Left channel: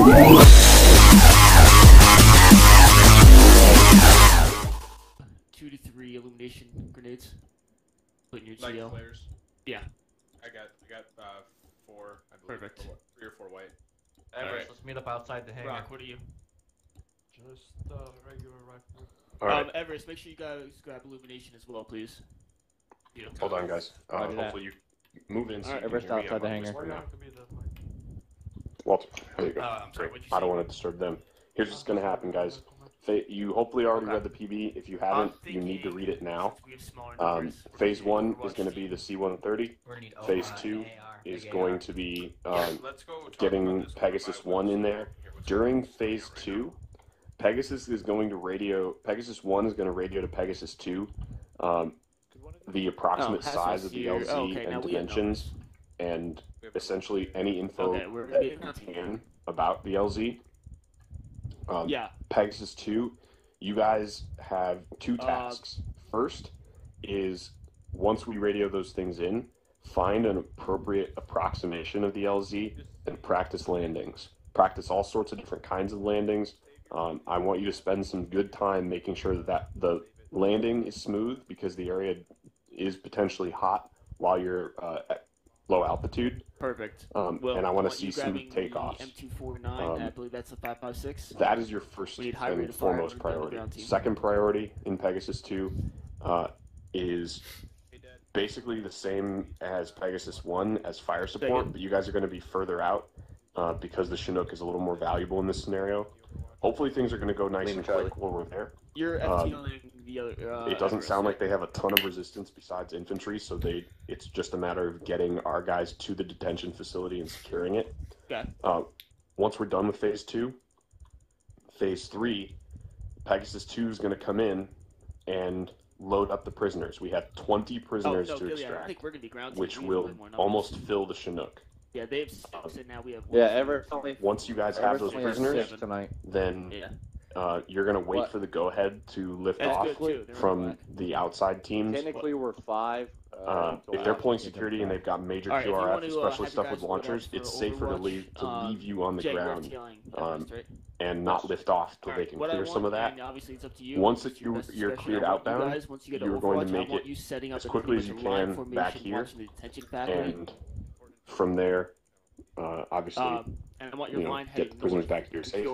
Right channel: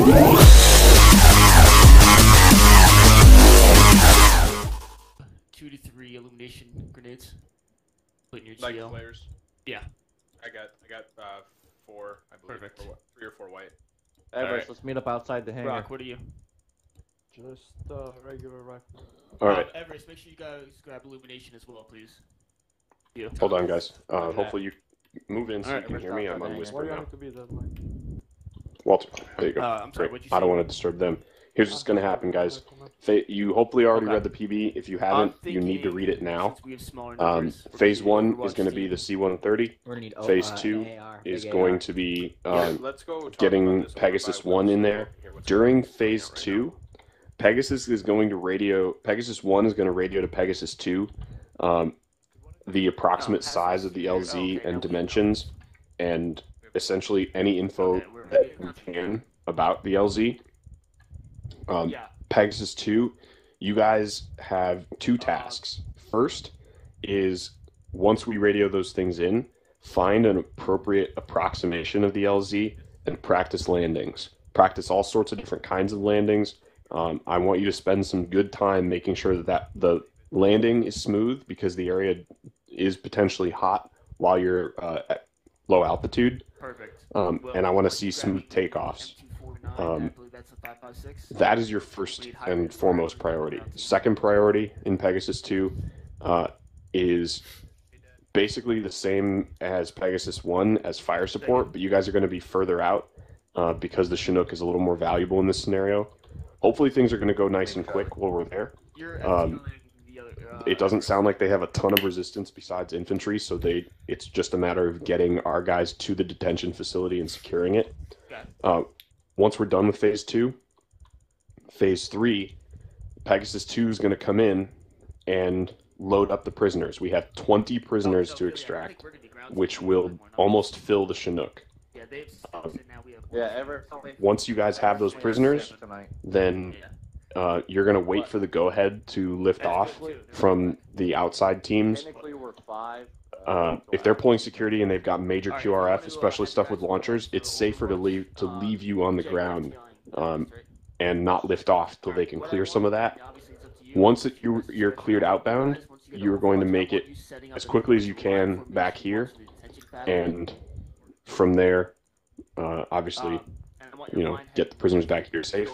2 to 3 illumination grenades. Put in your Like GL. players? Yeah. I got 4, I believe. Perfect. 3 or 4 white. Everest, Alright. let's meet up outside the hangar. Rock, what are you? Just regular rifle. Alright, Everest, make sure you guys grab illumination as well, please. Yeah. hold on, guys. Roger that. Hopefully you move in so you Everest can hear me. outside I'm the on hangar. whisper Where now. you want to be then? Walter, there you go. I'm sorry, Great. what'd you I say? don't want to disturb them. Here's what's going to happen, guys. You hopefully already read the PB. If you haven't, you need to read it now. Since we have smaller numbers, we're Phase gonna 1 Overwatch is going to be the C-130. We're gonna need Phase 2 an AR, is big going AR. to be Let's go talk getting about this Pegasus over 1 in there. what's During going on Phase right 2, Pegasus is going to radio. Pegasus 1 is going to radio to Pegasus 2 the approximate size of the LZ and dimensions, and essentially any info that you can about the LZ. Pegasus 2, you guys have 2 tasks. First is, once we radio those things in, find an appropriate approximation of the LZ and practice landings. Practice all sorts of different kinds of landings. I want you to spend some good time making sure that the landing is smooth, because the area is potentially hot while you're at low altitude. Perfect. And I want to see smooth takeoffs. I believe that's the 5.56. That is your first and foremost priority. Second priority in Pegasus 2 is basically the same as Pegasus 1 as fire support, but you guys are going to be further out because the Chinook is a little more valuable in this scenario. Hopefully things are going to go nice and quick while we're there. You're FTLing the other, It doesn't sound like they have a ton of resistance besides infantry, so it's just a matter of getting our guys to the detention facility and securing it. Okay. Once we're done with Phase 2, Phase 3, Pegasus 2 is going to come in and load up the prisoners. We have 20 prisoners to extract, which will almost fill the Chinook. Yeah, they have 6, and now we have 1. Yeah, Everest only. Once you guys have those only prisoners, 6 tonight. then you're going to wait for the go-ahead to lift That's off good, too. from the outside teams. Technically, we're 5. If they're pulling security and they've got major QRF, especially stuff with launchers, it's safer to leave you on the ground and not lift off till they can clear some of that. Once you're cleared outbound, you're going to make it as quickly as you can back here, and from there, obviously, get the prisoners back here safe.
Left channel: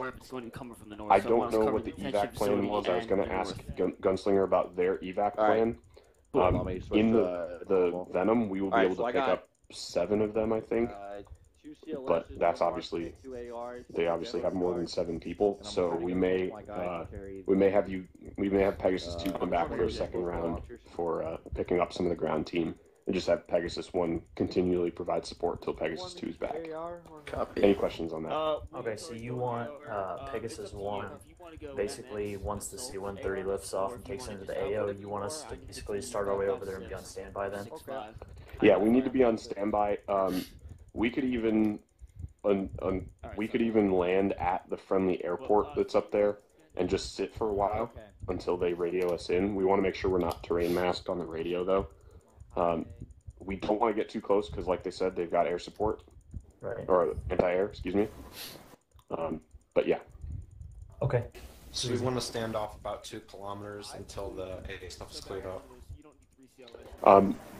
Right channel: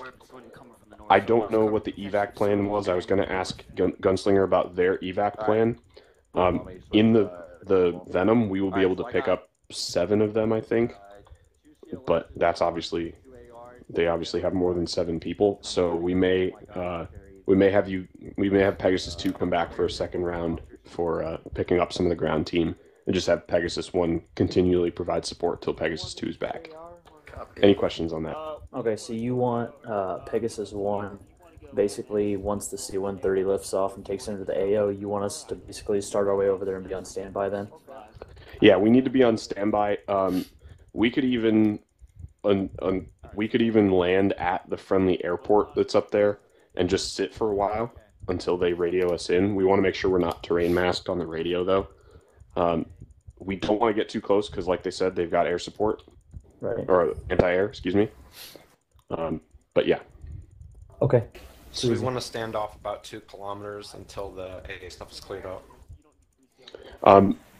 I don't know what the evac plan was. I was going to ask Gunslinger about their evac plan. In the Venom, we will be able to pick up 7 of them, I think. But that's obviously, they obviously have more than 7 people, so we may have Pegasus 2 come back for a second round for picking up some of the ground team, and just have Pegasus 1 continually provide support till Pegasus 2 is back. Any questions on that? Okay, so you want Pegasus 1, basically, once the C-130 lifts off and takes into the AO, you want us to basically start our way over there and be on standby then? Yeah, we need to be on standby. We could even land at the friendly airport that's up there and just sit for a while until they radio us in. We want to make sure we're not terrain masked on the radio, though. We don't want to get too close because, like they said, they've got air support. Right. Or anti-air, excuse me. But yeah. Okay. So we want to stand off about 2 kilometers until the AA stuff is cleared out.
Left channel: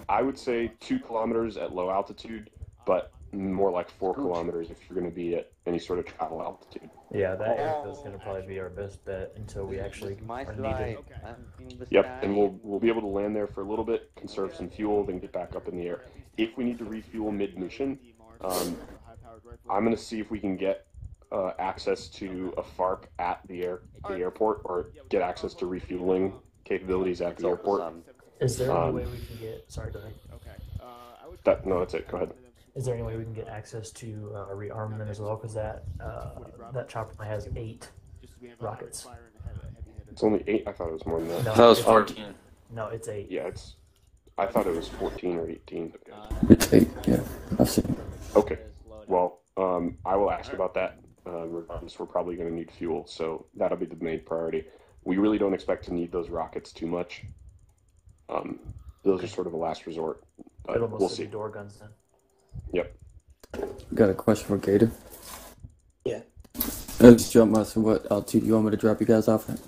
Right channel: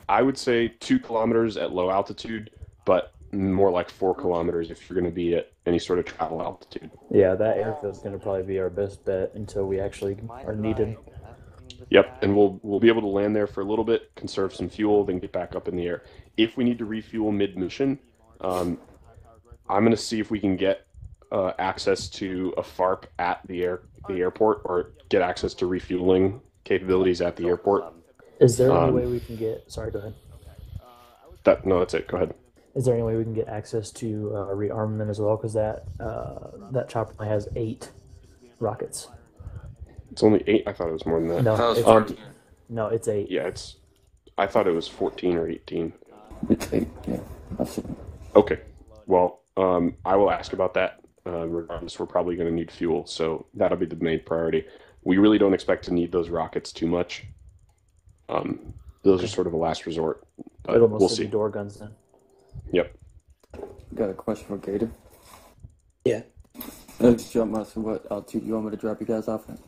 I would say 2 kilometers at low altitude, but more like 4 kilometers if you're going to be at any sort of travel altitude. Yeah, that airfield's going to probably be our best bet until we actually are needed. Yep, and we'll be able to land there for a little bit, conserve some fuel, then get back up in the air. If we need to refuel mid-mission, I'm going to see if we can get access to a FARP at the airport, or get access to refueling capabilities at the airport. Is there any way we can get... Sorry, go ahead. No, that's it. Go ahead. Is there any way we can get access to rearmament as well? Because that chopper only has 8 rockets. It's only 8? I thought it was more than that. No, I thought it was it's 14. No, it's 8. Yeah, I thought it was 14 or 18. It's 8, yeah. I've seen it. Okay. Well, I will ask about that. Regardless, we're probably going to need fuel, so that'll be the main priority. We really don't expect to need those rockets too much. Those are sort of a last resort. But It'll we'll mostly see. be door guns then. Yep. Got a question for Gator. Yeah. Let's jump master. What altitude you want me to drop you guys off at?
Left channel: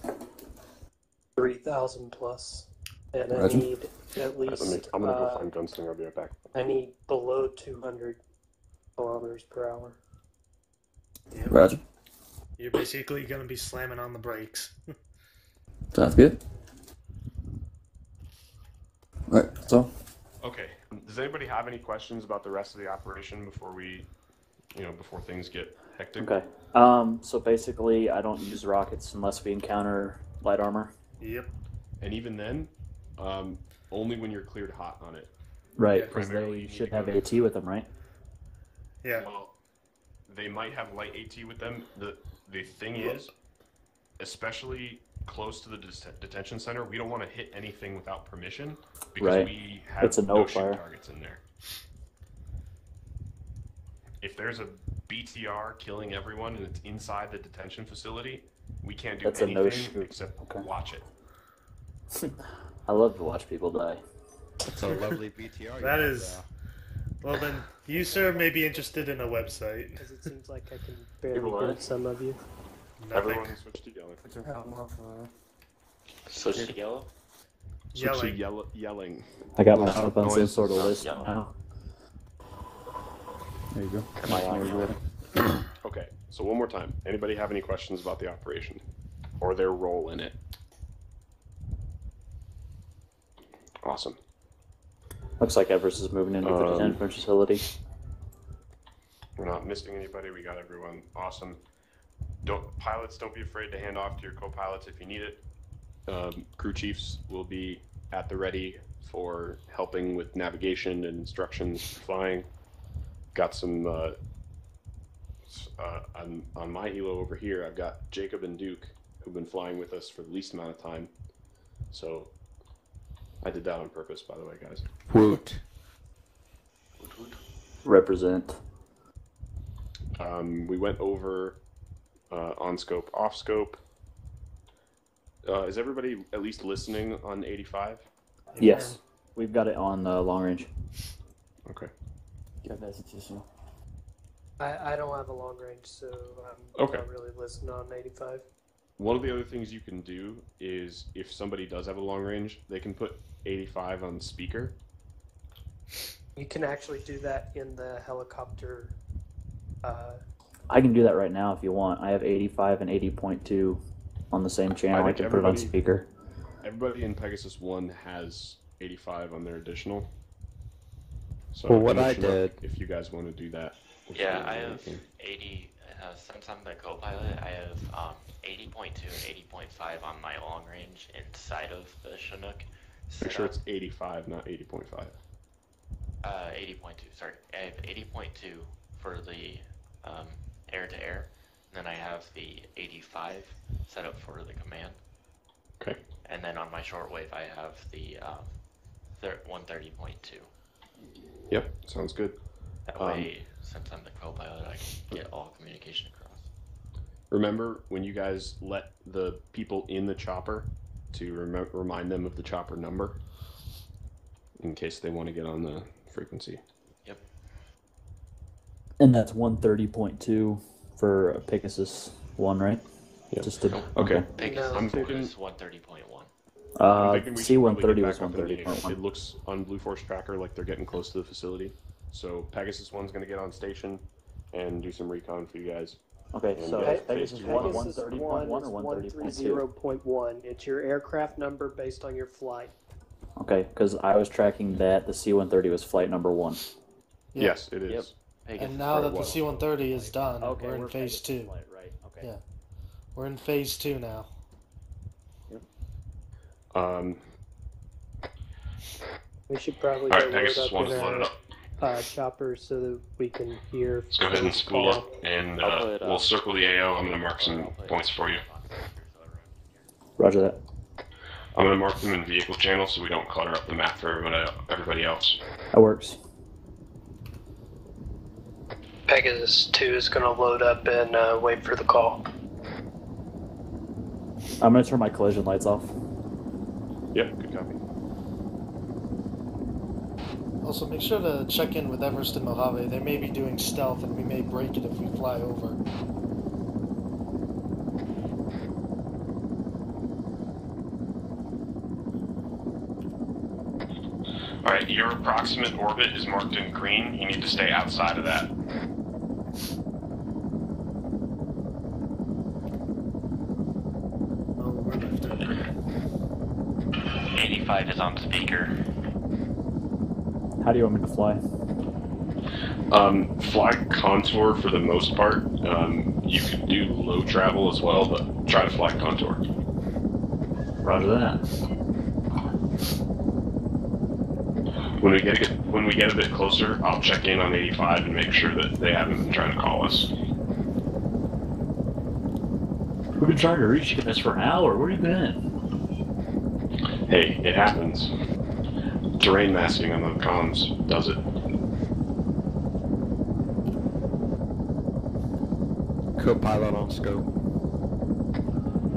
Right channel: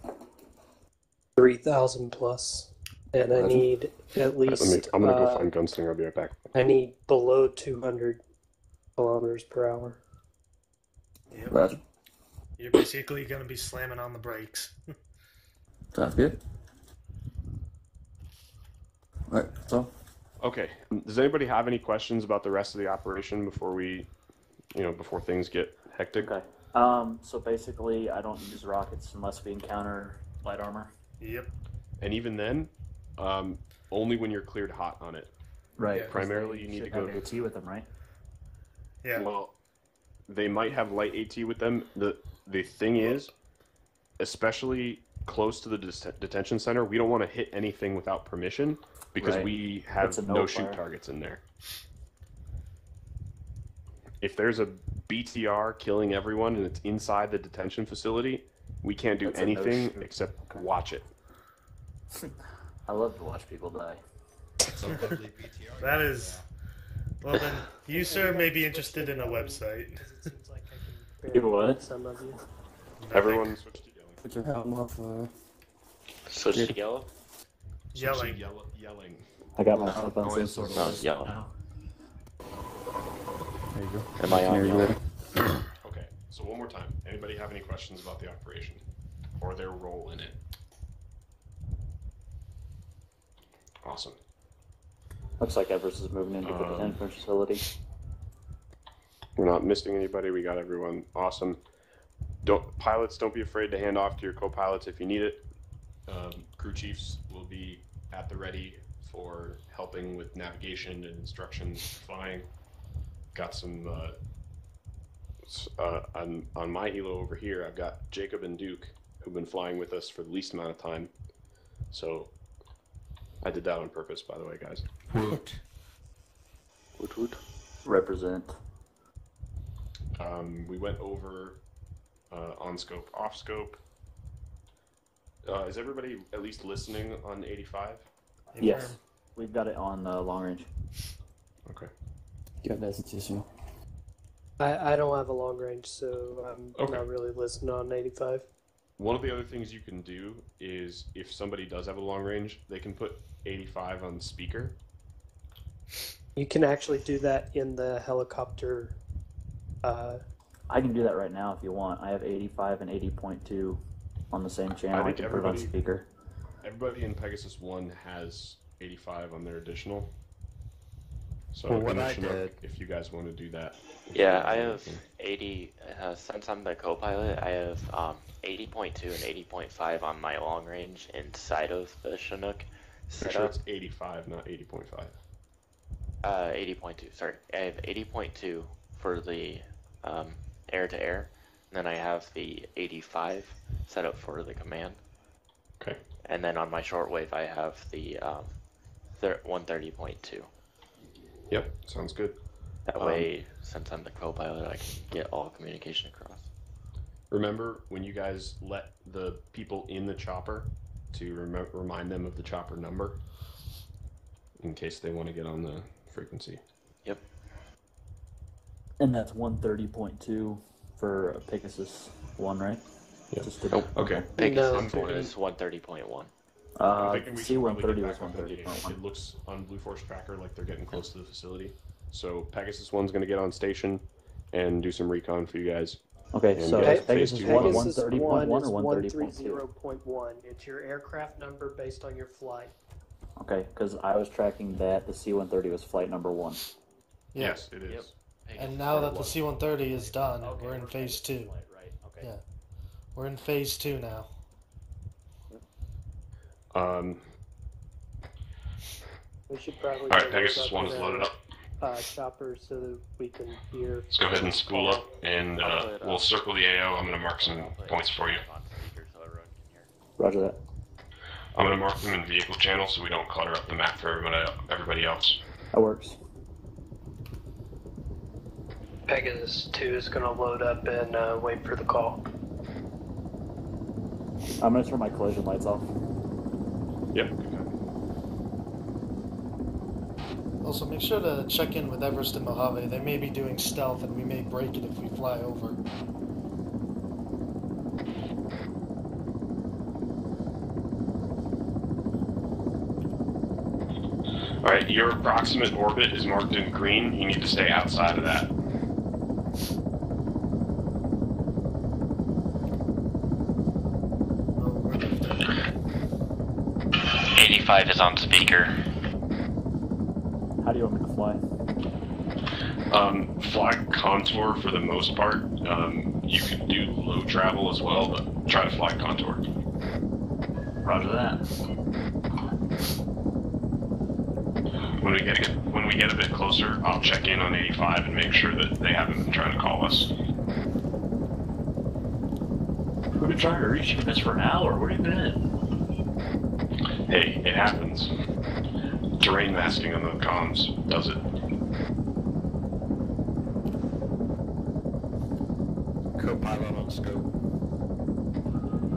3,000 plus, and I Roger. need at least. I'm gonna go find Gunslinger. I'll be right back. I need below 200 kilometers per hour. Yep. Roger. You're basically going to be slamming on the brakes. Sounds good. Alright, that's all. Okay. Does anybody have any questions about the rest of the operation before we, before things get hectic? Okay. So basically, I don't use rockets unless we encounter light armor. Yep. And even then, only when you're cleared hot on it. Right. Yeah. Primarily, You you should need to have go- AT with them, right? Yeah. Well, they might have light AT with them. The thing is, especially close to the detention center, we don't want to hit anything without permission because Right. we have It's a no no-fire. shoot targets in there. If there's a BTR killing everyone and it's inside the detention facility, we can't do That's a anything no-shoot. except watch it. I love to watch people die. It's a lovely BTR. That is. Well, then, you, sir, may be interested in a website. Because it seems like I can People barely what? hit some of you. Nothing. Everyone switch to yelling. Put your helm off. Switch to yellow? Yelling. Yelling. I got my help on some Noises. sort of list Yeah. now. There you go. Am I on yellow? Okay, so one more time. Anybody have any questions about the operation or their role in it? Awesome. Looks like Everest is moving into the detention facility. We're not missing anybody. We got everyone. Awesome. Pilots, don't be afraid to hand off to your co-pilots if you need it. Crew chiefs will be at the ready for helping with navigation and instructions flying. Got some on my helo over here. I've got Jacob and Duke who've been flying with us for the least amount of time. So I did that on purpose, by the way, guys. Woot. Woot woot. Represent. We went over on scope, off scope. Is everybody at least listening on 85? Yes. We've got it on long range. Okay. Got messages, you. I don't have a long range, so I'm Okay. not really listening on 85. One of the other things you can do is if somebody does have a long range, they can put 85 on speaker. You can actually do that in the helicopter. I can do that right now if you want. I have 85 and 80.2 on the same channel. I think can put it on everybody- speaker. Everybody in Pegasus 1 has 85 on their additional. So Well, what in the I Chinook, did- if you guys want to do that. which Yeah, you're I have thinking. 80, since I'm the co-pilot, I have 80.2 and 80.5 on my long range inside of the Chinook. Make sure it's 85, not 80.5. 80.2, sorry. I have 80.2 for the air-to-air, and then I have the 85 set up for the command. Okay. And then on my shortwave, I have the 130.2. Yep, sounds good. That way, since I'm the co-pilot, I can get all communication across. Remember when you guys let the people in the chopper to remind them of the chopper number in case they want to get on the frequency. Yep. And that's 130.2 for Pegasus 1, right? Yep. Just to, Okay. Pegasus I'm thinking- is 130.1. I'm thinking we should probably get C-130 back was up in the air. 130.1. It looks on Blue Force Tracker like they're getting close to the facility. So Pegasus 1's going to get on station and do some recon for you guys. Okay, And so get Pegasus phase 1 2 Pegasus 130.1 1 is or 130.2? 130.1. It's your aircraft number based on your flight. Okay, because I was tracking that the C-130 was flight number 1. Yeah. Yes, it is. Yep. Pegasus And now that the well. C-130 is done, Okay, we're in phase Pegasus 2. flight, right? Okay. Yeah. We're in phase 2 now. We should probably. All right, load Pegasus up 1 is our, loaded up. Choppers so that we can hear. Let's go ahead and spool up, and we'll circle the AO. I'm going to mark some points for you. Roger that. I'm going to mark them in vehicle channel so we don't clutter up the map for everybody else. That works. Pegasus 2 is going to load up and wait for the call. I'm going to turn my collision lights off. Yep, good copy. Also, make sure to check in with Everest and Mojave. They may be doing stealth, and we may break it if we fly over. Alright, your approximate orbit is marked in green. You need to stay outside of that. Oh, we're lifting. 85 is on speaker. How do you want me to fly? Fly contour for the most part. You could do low travel as well, but try to fly contour. Roger that. When we get a bit closer, I'll check in on 85 and make sure that they haven't been trying to call us. We've been trying to reach you guys for an hour. Where have you been? Hey, it happens. Terrain masking on the comms does it. Co-pilot on scope.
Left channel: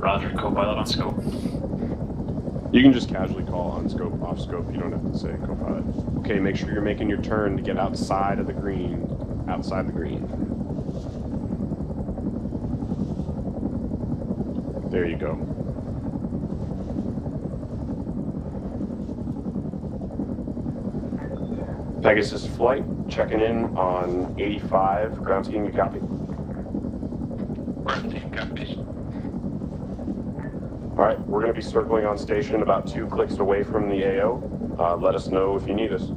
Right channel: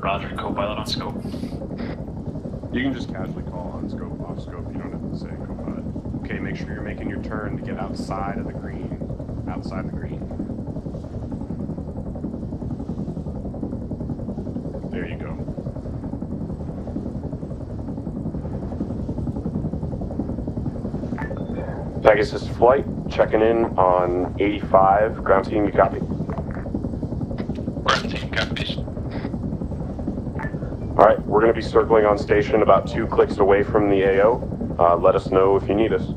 Roger, co-pilot on scope. You can just casually call on scope, off scope. You don't have to say co-pilot. Okay, make sure you're making your turn to get outside of the green. Outside the green. There you go. Pegasus flight, checking in on 85. Ground team, you copy? Ground team copies. Alright, we're going to be circling on station about 2 clicks away from the AO. Let us know if you need us.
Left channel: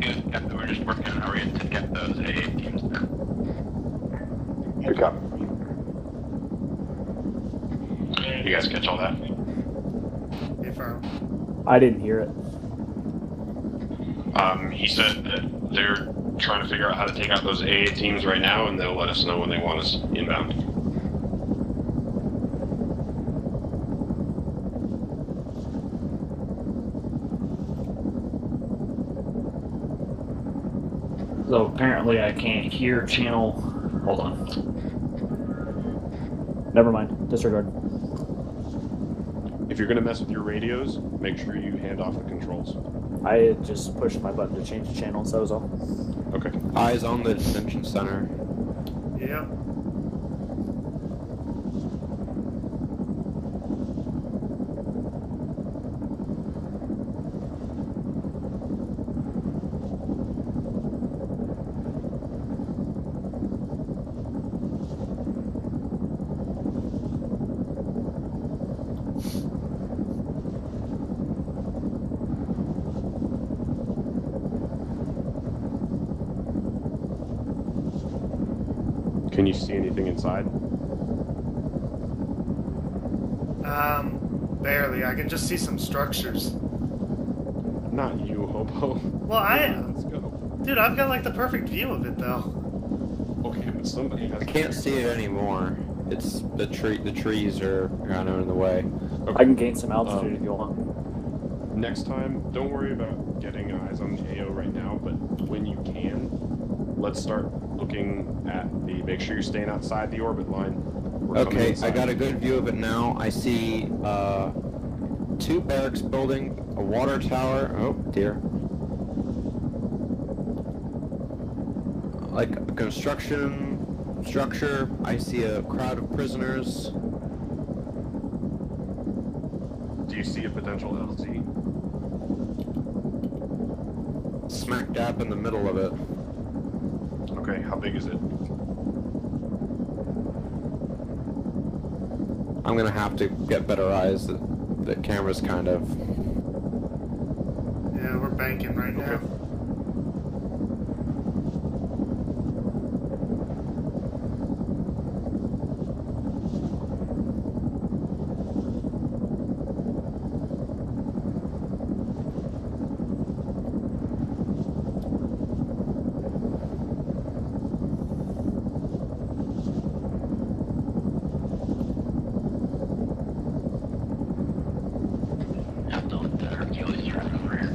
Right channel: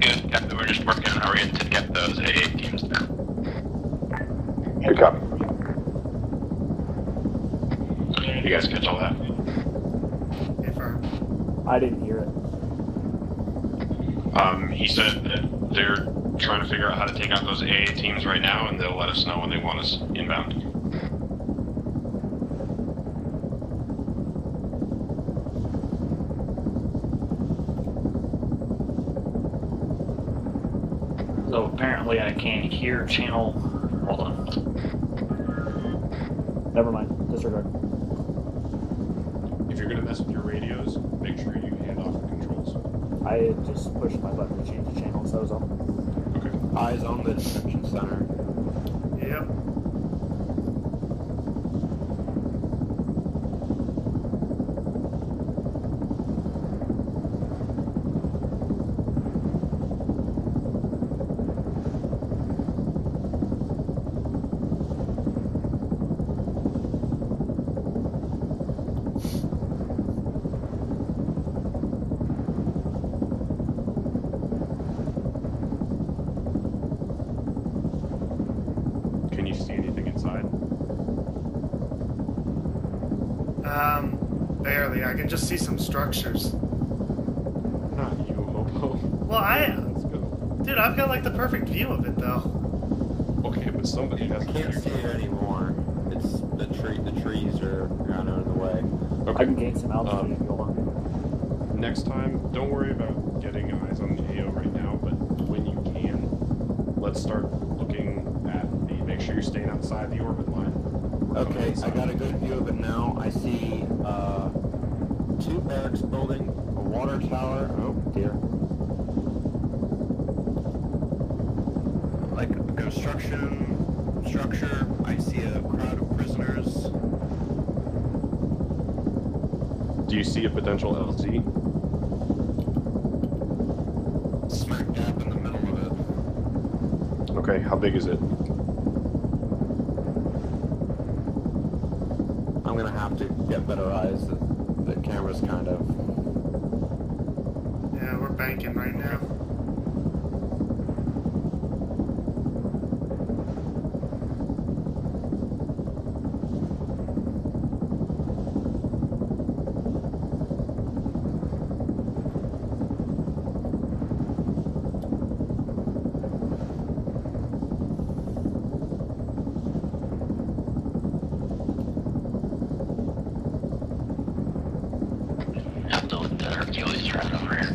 Good, copy. We're just working on our end to get those AA teams there. Good copy. You guys catch all that? Hey, firm. I didn't hear it. He said that they're trying to figure out how to take out those AA teams right now, and they'll let us know when they want us inbound. So apparently I can't hear channel. Hold on. Never mind. Disregard. If you're going to mess with your radios, make sure you hand off the controls. I had just pushed my button to change the channel, so that was all. Okay. Eyes on the dimension center. Yep. Can you see anything inside? Barely. I can just see some structures. Not you, Hobo. Well, Let's go. Dude, I've got like the perfect view of it though. Okay, but somebody has. I can't see it anymore. It's the trees are kind of in the way. Okay. I can gain some altitude if you want. Next time, don't worry about getting eyes on the AO right now, but when you can, let's start looking at the. Make sure you're staying outside the orbit line. We're coming Okay, inside. I got a good view of it now. I see 2 barracks building, a water tower. Oh dear. Like a construction structure. I see a crowd of prisoners. Do you see a potential LZ? Smack dab in the middle of it. Okay, how big is it? I'm gonna have to get better eyes. The camera's kind of. Yeah, we're banking right now. I'm doing the Hercules right over here.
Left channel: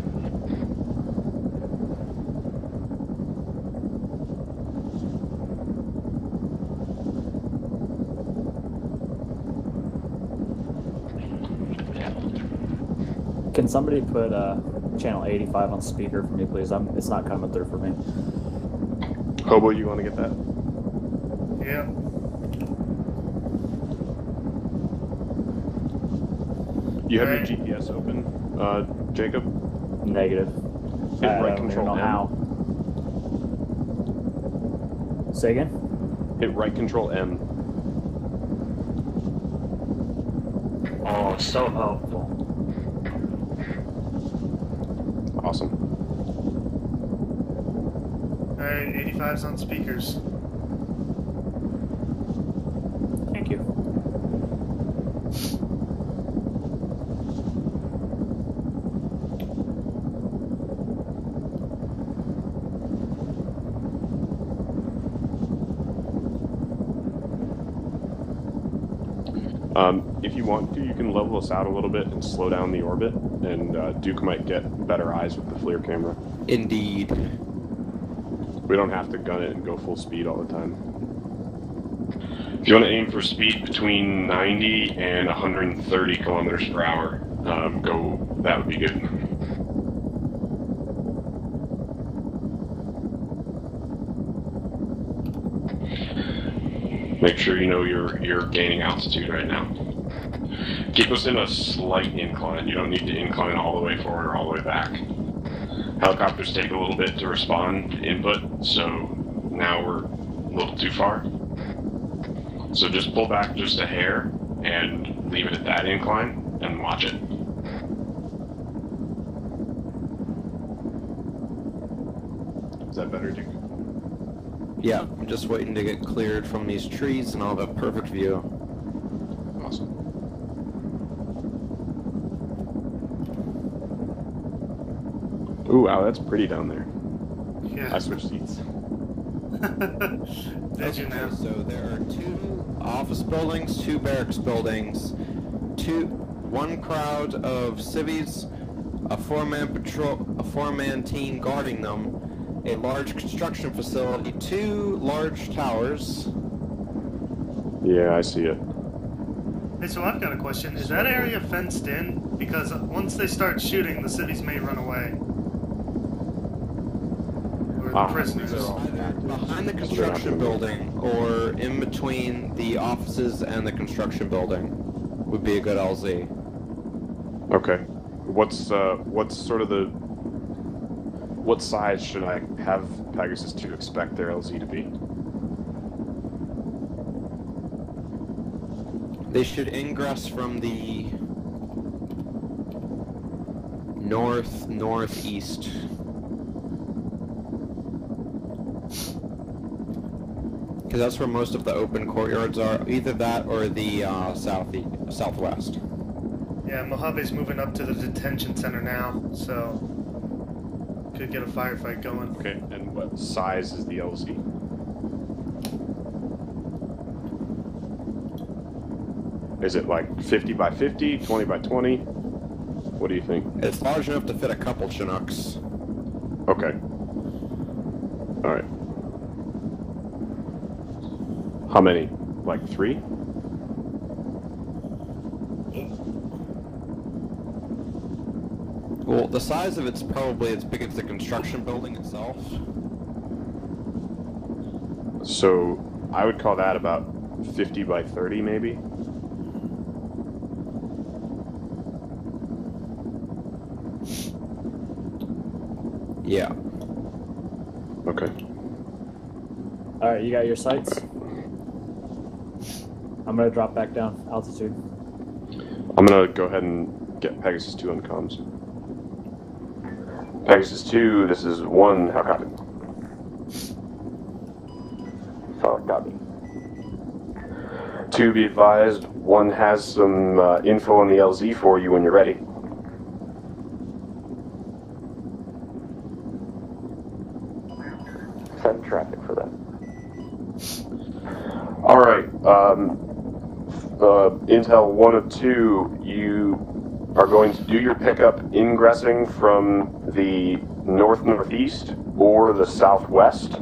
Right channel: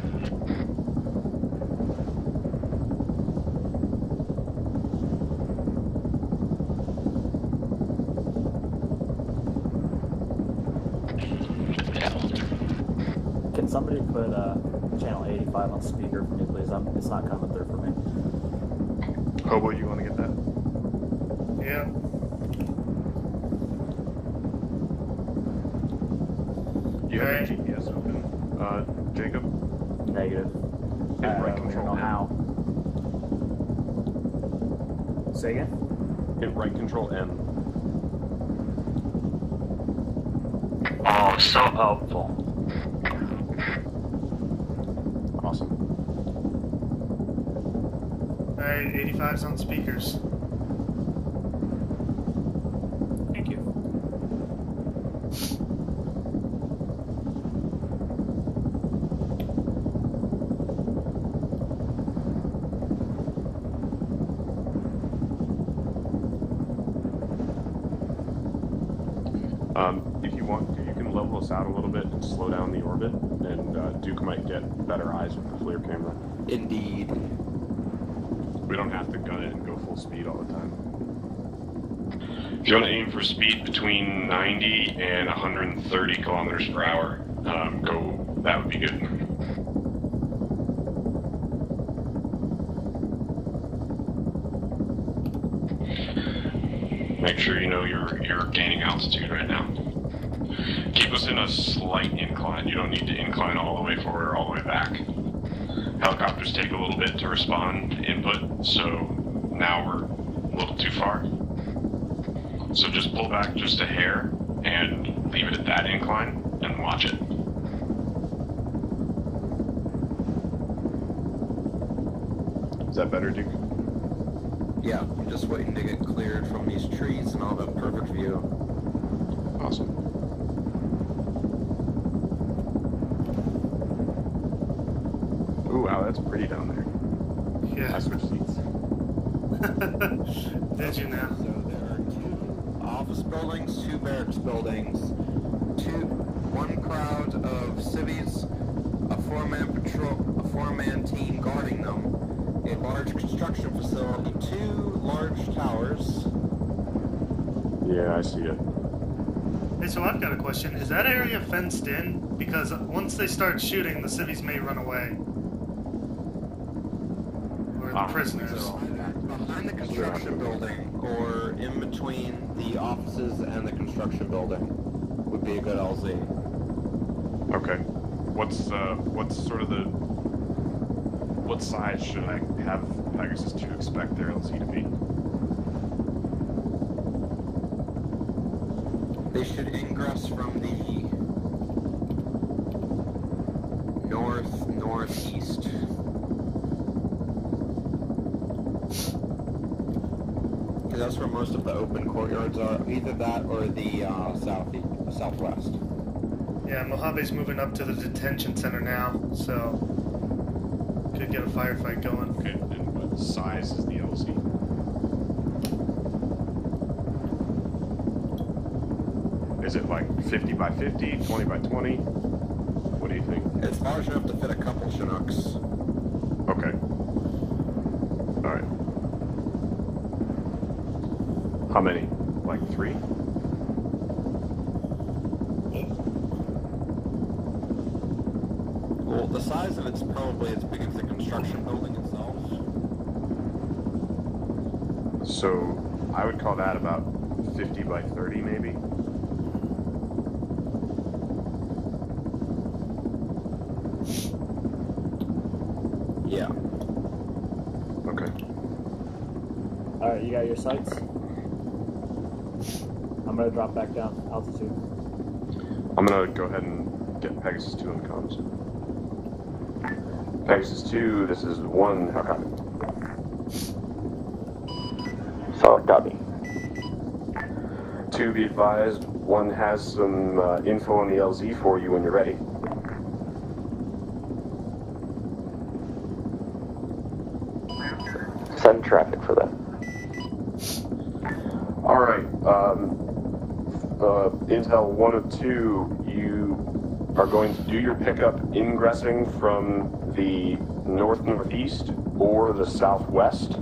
Can somebody put channel 85 on speaker for me, please? It's not coming through for me. Hobo, you want to get that? Yep. You have Alright. your GPS open, Jacob? Negative. Hit I right don't control know M. how. Say again? Hit right control M. Oh, so helpful. Awesome. Alright, 85's on speakers. Thank you. If you want to, you can level us out a little bit and slow down the orbit, and Duke might get better eyes with the FLIR camera. Indeed. We don't have to gun it and go full speed all the time. If you want to aim for speed between 90 and 130 kilometers per hour, go. That would be good. Make sure you know you're gaining altitude right now. Keep us in a slight incline. You don't need to incline all the way forward or all the way back. Helicopters take a little bit to respond to input, so now we're a little too far. So just pull back just a hair and leave it at that incline and watch it. Is that better, Duke? Yeah, just waiting to get cleared from these trees and I'll have a perfect view. Awesome. Ooh, wow, that's pretty down there. Yeah. I switched seats. Did you now? So there are 2 office buildings, 2 barracks buildings, 1 crowd of civvies, a 4-man patrol, a 4-man team guarding them, a large construction facility, 2 large towers. Yeah, I see it. Hey, so I've got a question. Is that area fenced in? Because once they start shooting, the civvies may run away. Or the prisoners. So behind the construction building, or in between the offices and the construction building, would be a good LZ. Okay. What's sort of the... What size should I have Pegasus to expect their LZ to be? They should ingress from the northeast. Because that's where most of the open courtyards are. Either that or the southwest. Yeah, Mojave's moving up to the detention center now, so could get a firefight going. Okay, and what size is the LZ? Is it like 50 by 50, 20 by 20? What do you think? It's large enough to fit a couple Chinooks. Okay. Alright. How many? Like 3? Well, the size of it's probably as big as the construction building itself. So, I would call that about 50 by 30, maybe? Yeah. Okay. Alright, you got your sights? I'm gonna drop back down altitude. I'm gonna go ahead and get Pegasus 2 on comms. Pegasus 2, this is 1, how copy? Solid copy. 2, be advised, 1 has some info on the LZ for you when you're ready. Send traffic for that. Alright, Intel 1 of 2, you are going to do your pickup ingressing from the north-northeast or the southwest,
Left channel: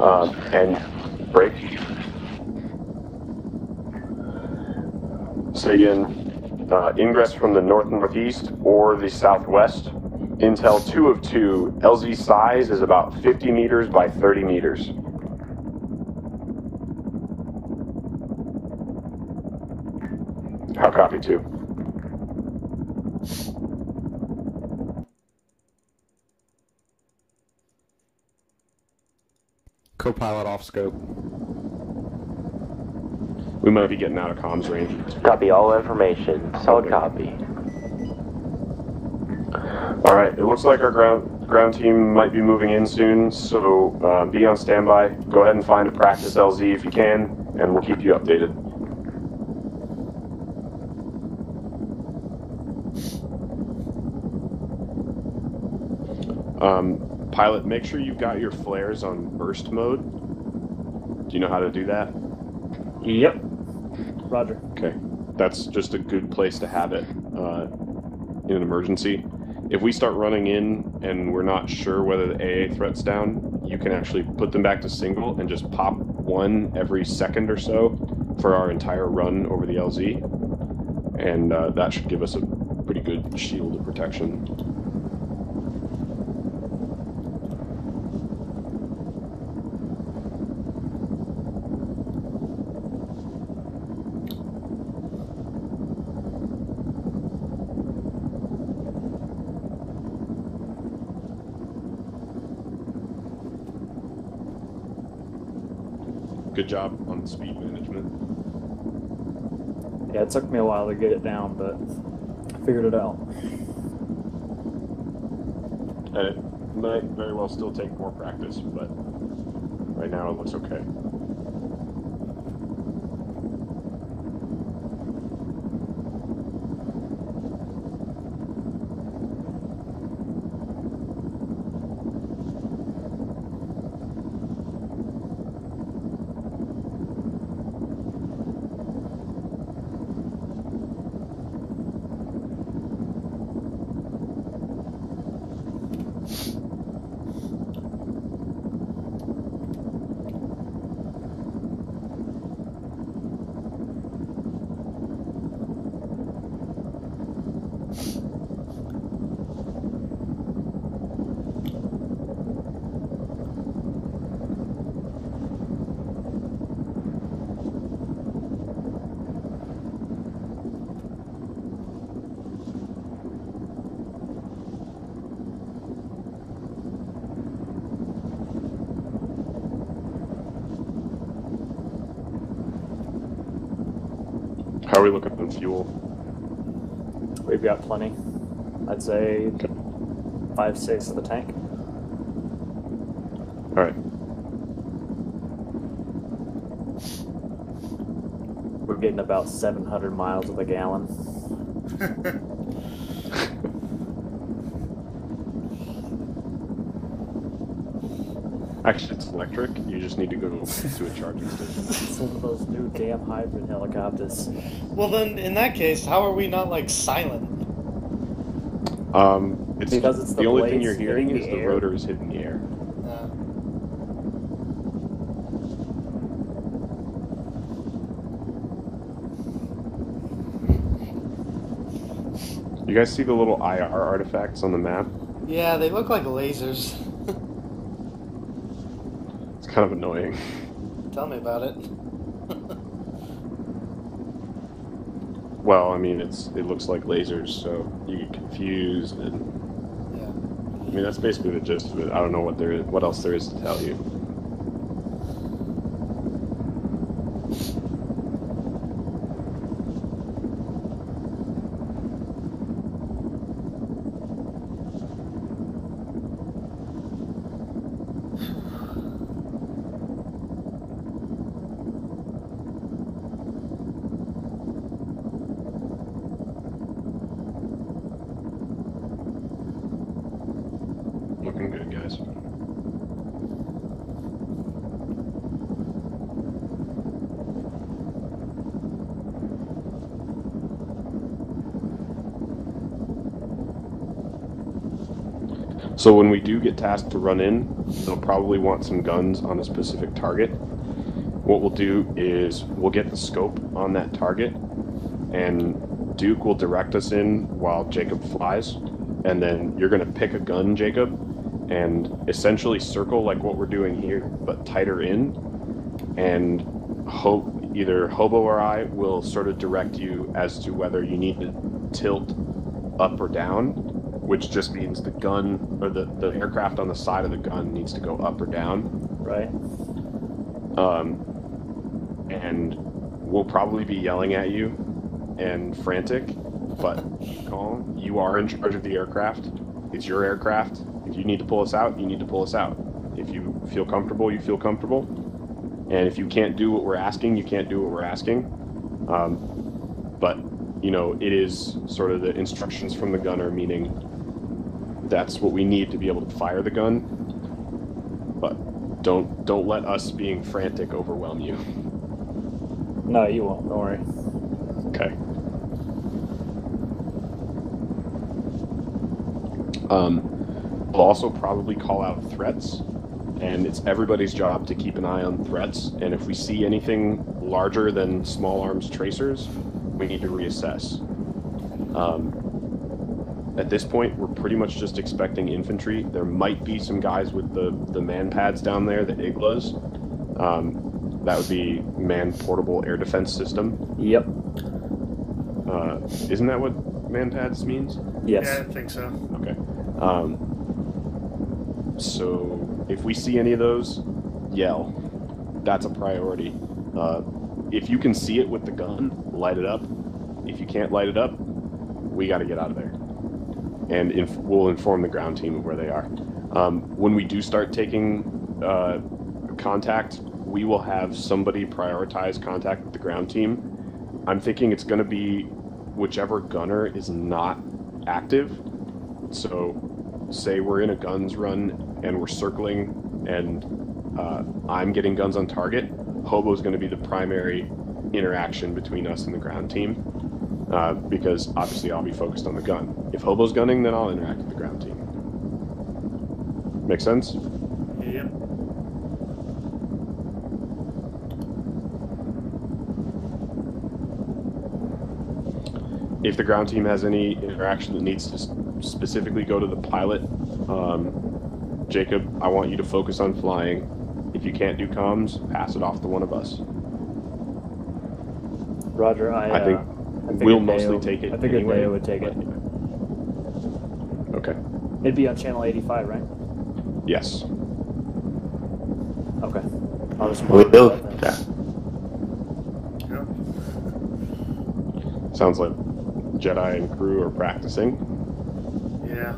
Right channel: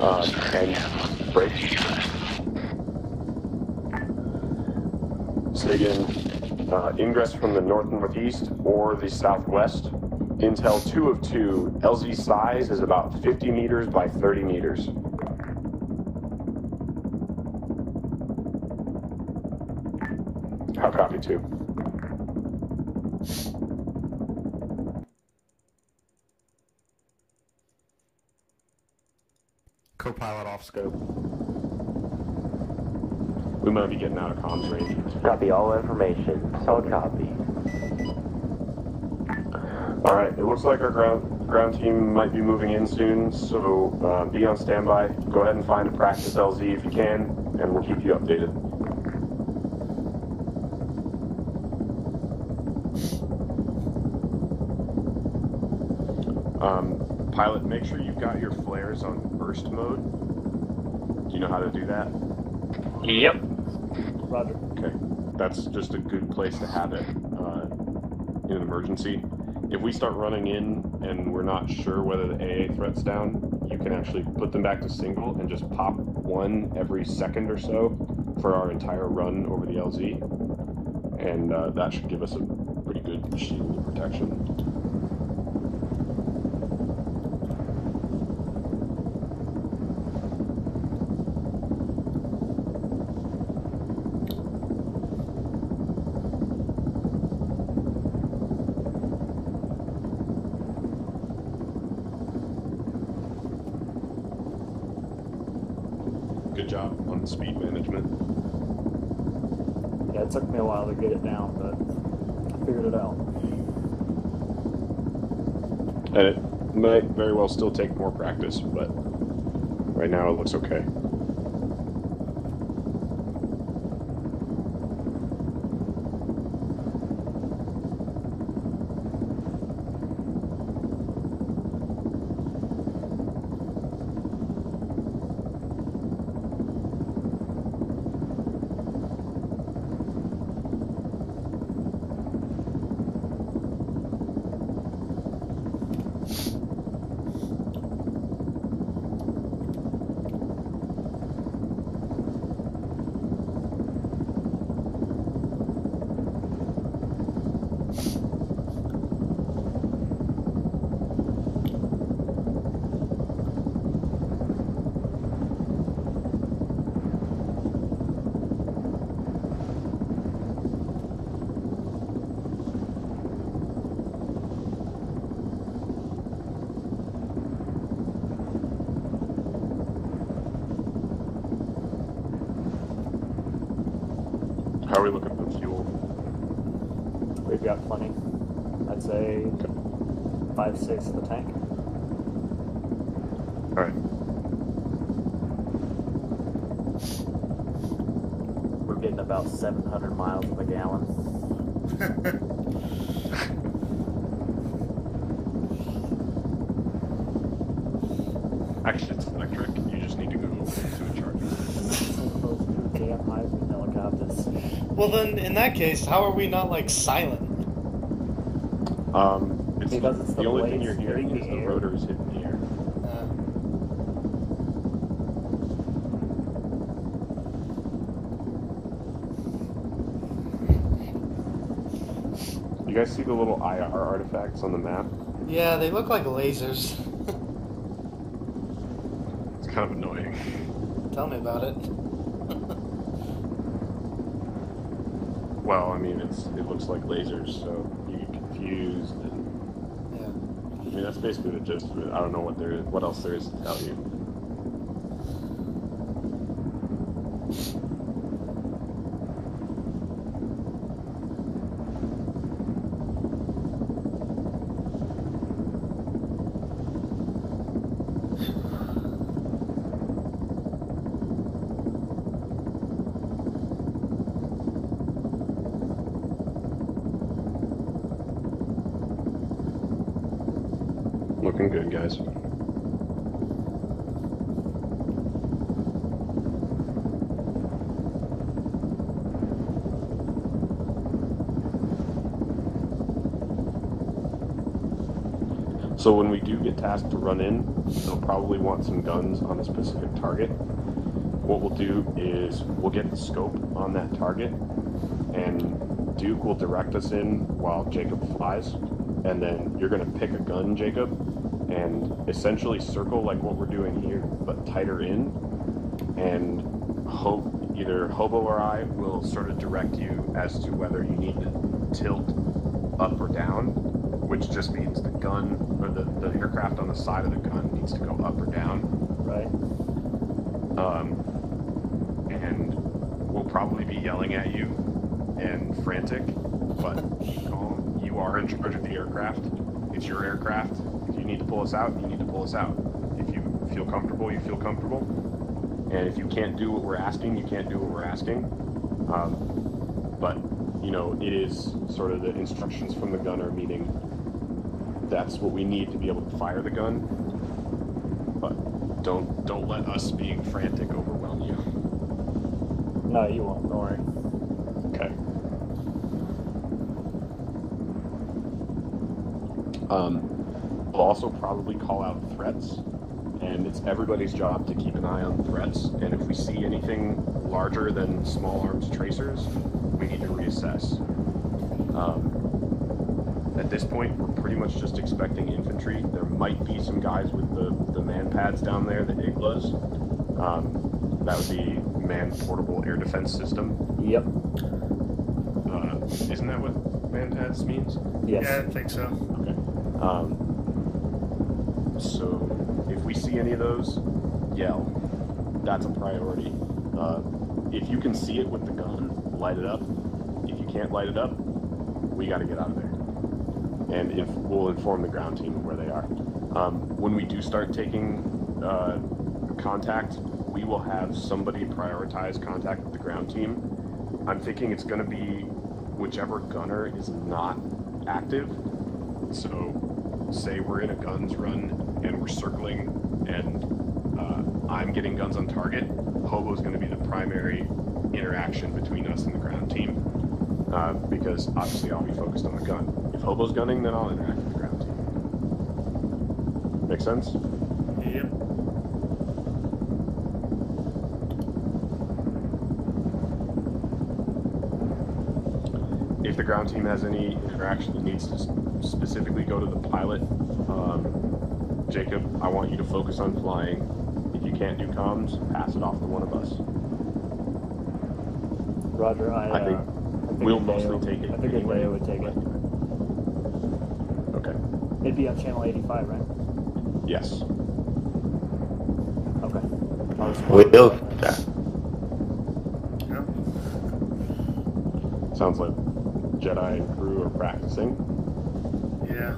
and break. So again, ingress from the north-northeast or the southwest. Intel 2 of 2, LZ size is about 50 meters by 30 meters. How copy 2? Co-pilot off scope. We might be getting out of comms range. Copy all information. Solid copy. All right, it looks like our ground team might be moving in soon, so be on standby. Go ahead and find a practice LZ if you can, and we'll keep you updated. Pilot, make sure you've got your flares on burst mode. Do you know how to do that? Yep. Roger. Okay, that's just a good place to have it in an emergency. If we start running in and we're not sure whether the AA threat's down, you can actually put them back to single and just pop one every second or so for our entire run over the LZ. And that should give us a pretty good shield of protection. Good job on speed management. Yeah, it took me a while to get it down, but I figured it out. And it might very well still take more practice, but right now it looks okay. How are we looking on fuel? We've got plenty. I'd say 5/6 of the tank. All right. We're getting about 700 miles of a gallon. Actually, it's electric. You just need to go to a charger. Some of those new damn hybrid helicopters. Well, then, in that case, how are we not, like, silent? It's because it's the only thing blades you're hearing hitting is the the air. rotors hitting the air. You guys see the little IR artifacts on the map? Yeah, they look like lasers. It's kind of annoying. Tell me about it. Well, I mean, it looks like lasers, so you get confused, and yeah. I mean, that's basically the gist of it. I don't know what else there is to tell you. Looking good, guys. So when we do get tasked to run in, they'll probably want some guns on a specific target. What we'll do is we'll get the scope on that target, and Duke will direct us in while Jacob flies, and then you're going to pick a gun, Jacob, and essentially circle like what we're doing here, but tighter in, and either Hobo or I will sort of direct you as to whether you need to tilt up or down, which just means the gun, or the aircraft on the side of the gun needs to go up or down. Right. And we'll probably be yelling at you and frantic, but you are in charge of the aircraft. It's your aircraft. If you need to pull us out, you need to pull us out. If you feel comfortable, you feel comfortable. And if you can't do what we're asking, you can't do what we're asking. But, you know, it is sort of the instructions from the gunner, meaning that's what we need to be able to fire the gun. But don't let us being frantic overwhelm you. No, you won't. Don't worry. Okay. We'll also probably call out threats, and it's everybody's job to keep an eye on threats, and if we see anything larger than small arms tracers, we need to reassess. At this point, we're pretty much just expecting infantry. There might be some guys with the man pads down there, the IGLAs. That would be manned portable air defense system. Yep. Isn't that what man pads means? Yes. Yeah, I think so. Okay. So if we see any of those, yell. That's a priority. If you can see it with the gun, light it up. If you can't light it up, we got to get out of there. And we'll inform the ground team of where they are. When we do start taking contact, we will have somebody prioritize contact with the ground team. I'm thinking it's going to be whichever gunner is not active. So say we're in a guns run and we're circling and I'm getting guns on target, Hobo's going to be the primary interaction between us and the ground team, because obviously I'll be focused on the gun. If Hobo's gunning, then I'll interact with the ground team. Make sense? Yep. If the ground team has any interaction that needs to specifically go to the pilot, Jacob, I want you to focus on flying. If you can't do comms, pass it off to one of us. Roger, I think we'll mostly take it I figured anyway. Deo would take it. Okay. It'd be on channel 85, right? Yes. Okay. Will that. Yep. Sounds like Jedi and crew are practicing. Yeah.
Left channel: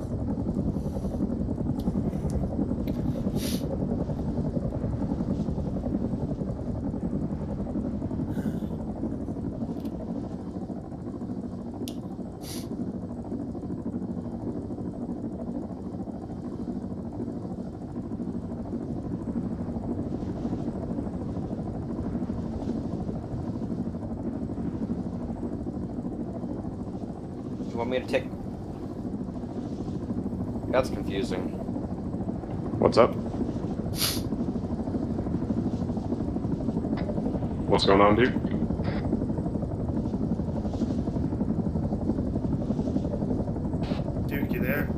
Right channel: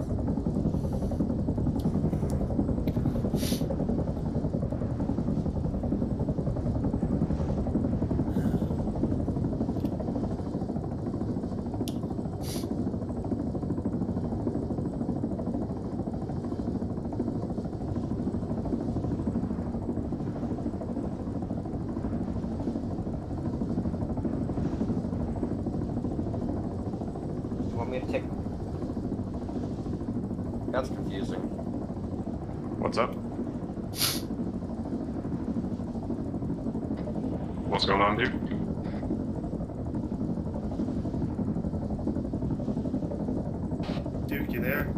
Me to take. That's confusing. What's up? What's going on, dude? Duke, you there?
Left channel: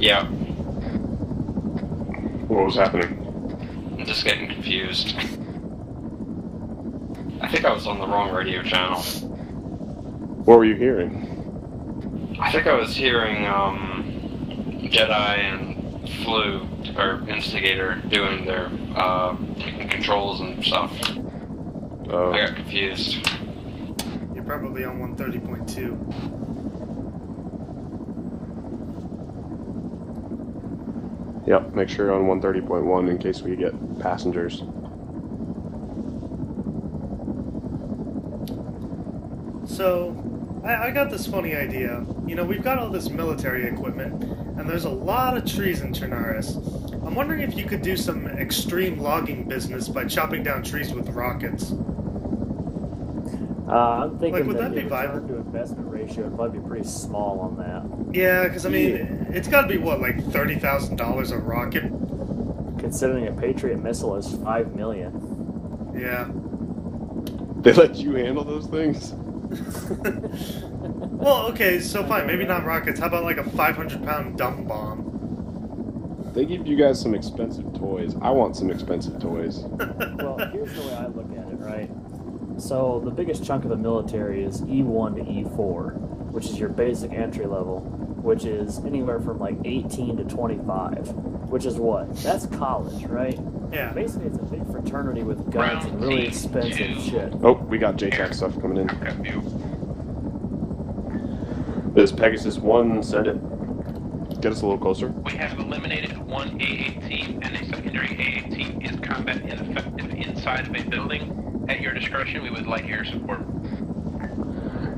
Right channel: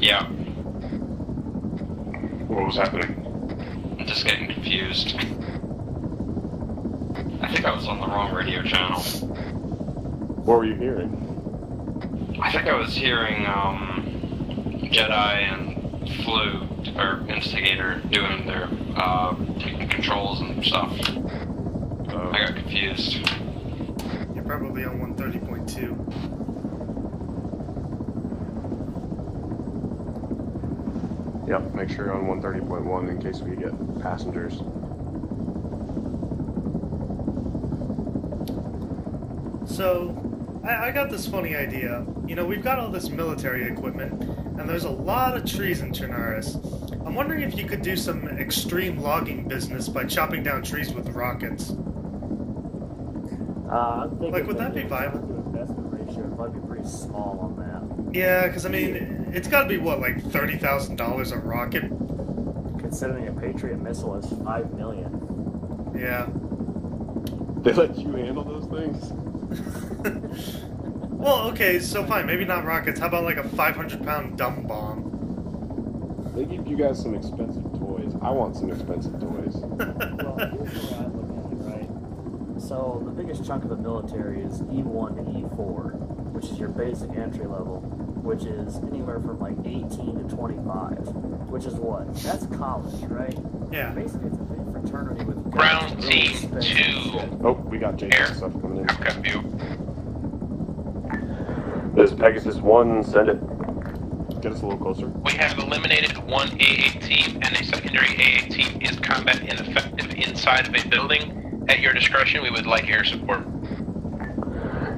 Yeah. What was happening? I'm just getting confused. I think I was on the wrong radio channel. What were you hearing? I think I was hearing Jedi and Flu, or Instigator, doing their taking controls and stuff. I got confused. You're probably on 130.2. Yep, make sure you're on 130.1 in case we get passengers. So, I got this funny idea. You know, we've got all this military equipment, and there's a lot of trees in Chernarus. I'm wondering if you could do some extreme logging business by chopping down trees with rockets. I'm thinking Like, would that be viable? To investment ratio would probably be pretty small on that. Yeah, because, I mean, it's got to be, what, like $30,000 a rocket? Considering a Patriot missile is $5 million. Yeah. They let you handle those things? Well, okay, so fine, maybe not rockets. How about like a 500-pound dumb bomb? They give you guys some expensive toys. I want some expensive toys. Well, here's the way I look at it, right? So the biggest chunk of the military is E1 to E4, which is your basic entry level, which is anywhere from like 18 to 25. which is what? That's college, right? Yeah. Basically, it's a big fraternity with guns Ground and really team expensive 2. shit. Oh, we got JTAC stuff coming in. Copy you. This Pegasus 1, send it. Get us a little closer. We have eliminated one AA team, and a secondary AA team is combat ineffective inside of a building. At your discretion, we would like air support.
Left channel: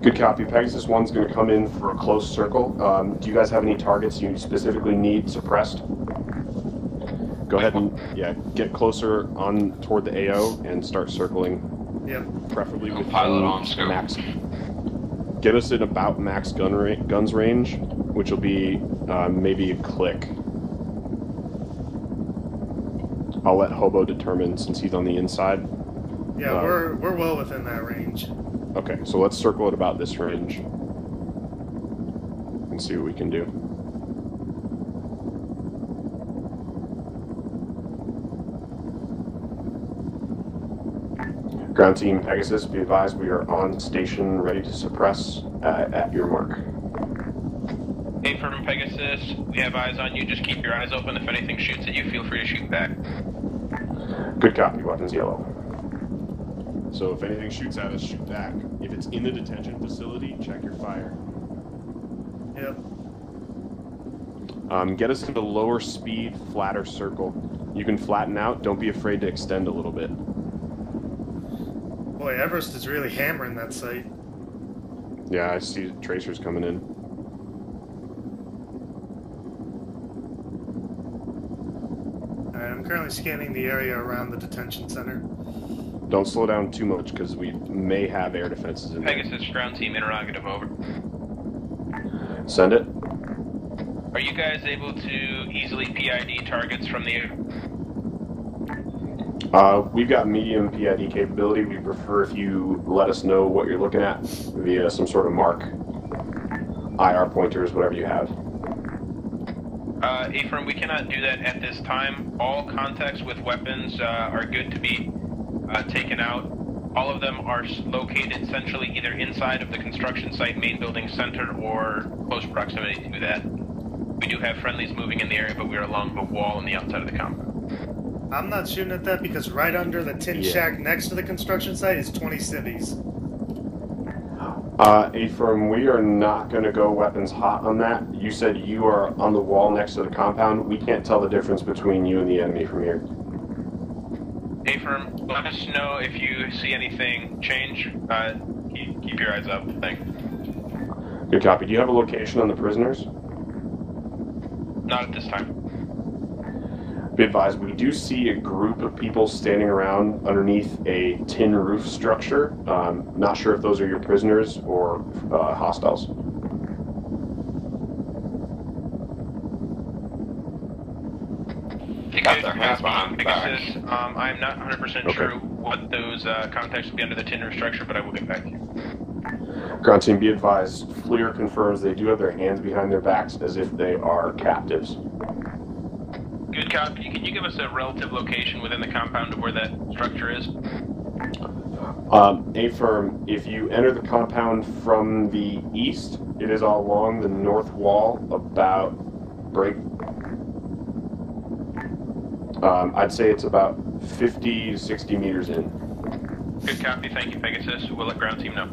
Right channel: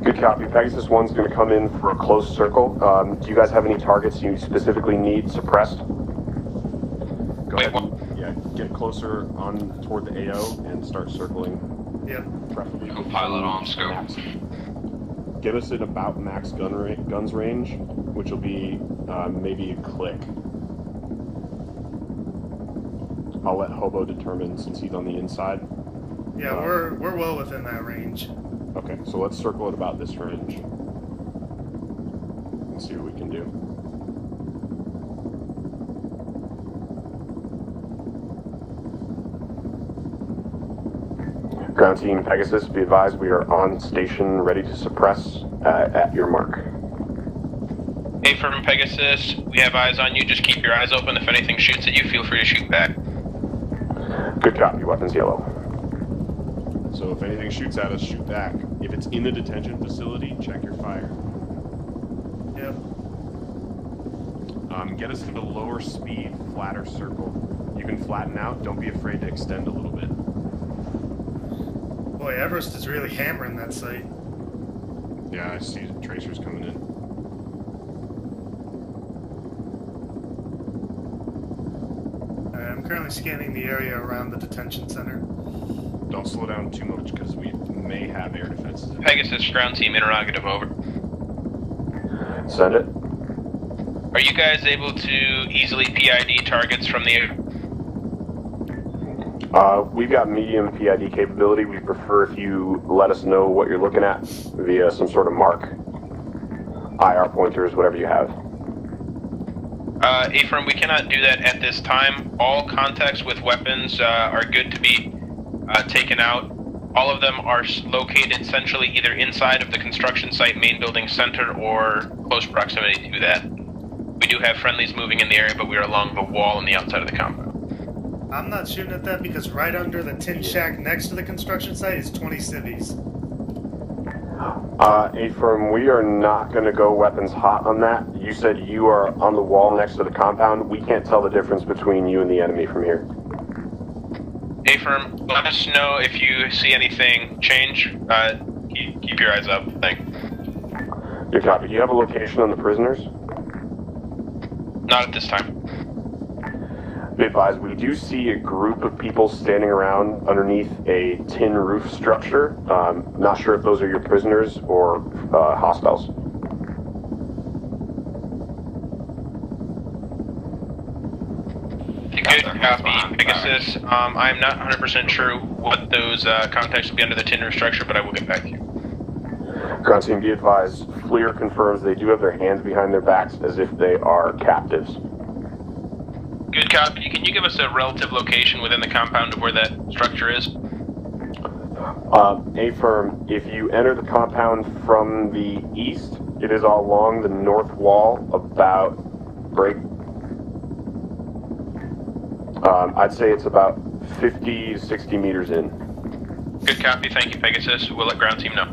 Good copy. Pegasus 1's going to come in for a close circle. Do you guys have any targets you specifically need suppressed? Go ahead and, yeah, get closer on toward the AO and start circling. Yep. Preferably. Co-pilot on scope. Max. Get us at about max guns range, which will be maybe a click. I'll let Hobo determine since he's on the inside. Yeah, we're well within that range. Okay, so let's circle at about this range and see what we can do. Ground team Pegasus, be advised we are on station, ready to suppress at your mark. Hey, from Pegasus, we have eyes on you. Just keep your eyes open. If anything shoots at you, feel free to shoot back. Good copy, weapons yellow. So if anything shoots at us, shoot back. If it's in the detention facility, check your fire. Yep. Get us to the lower speed, flatter circle. You can flatten out, don't be afraid to extend a little bit. Boy, Everest is really hammering that site. Yeah, I see tracers coming in. Alright, I'm currently scanning the area around the detention center. Don't slow down too much, because we may have air defenses in there. Pegasus, ground team, interrogative, over. Send it. Are you guys able to easily PID targets from the air? We've got medium PID capability. We prefer if you let us know what you're looking at via some sort of mark. IR pointers, whatever you have. Ephraim, we cannot do that at this time. All contacts with weapons are good to be taken out. All of them are located centrally either inside of the construction site main building center or close proximity to that. We do have friendlies moving in the area, but we are along the wall on the outside of the compound. I'm not shooting at that because right under the tin shack next to the construction site is 20 civvies. Ephraim, we are not going to go weapons hot on that. You said you are on the wall next to the compound. We can't tell the difference between you and the enemy from here. Ephraim, let us know if you see anything change. Keep your eyes up. Thanks. Good copy. Do you have a location on the prisoners? Not at this time. Be advised, we do see a group of people standing around underneath a tin roof structure. Not sure if those are your prisoners or hostiles. They got their hands behind Pegasus. I'm not 100% sure what those contacts will be under the tin roof structure, but I will get back to you. Ground team, be advised, FLIR confirms they do have their hands behind their backs as if they are captives. Good copy. Can you give us a relative location within the compound of where that structure is? A-firm, if you enter the compound from the east, it is along the north wall about I'd say it's about 50, 60 meters in. Good copy. Thank you, Pegasus. We'll let ground team know.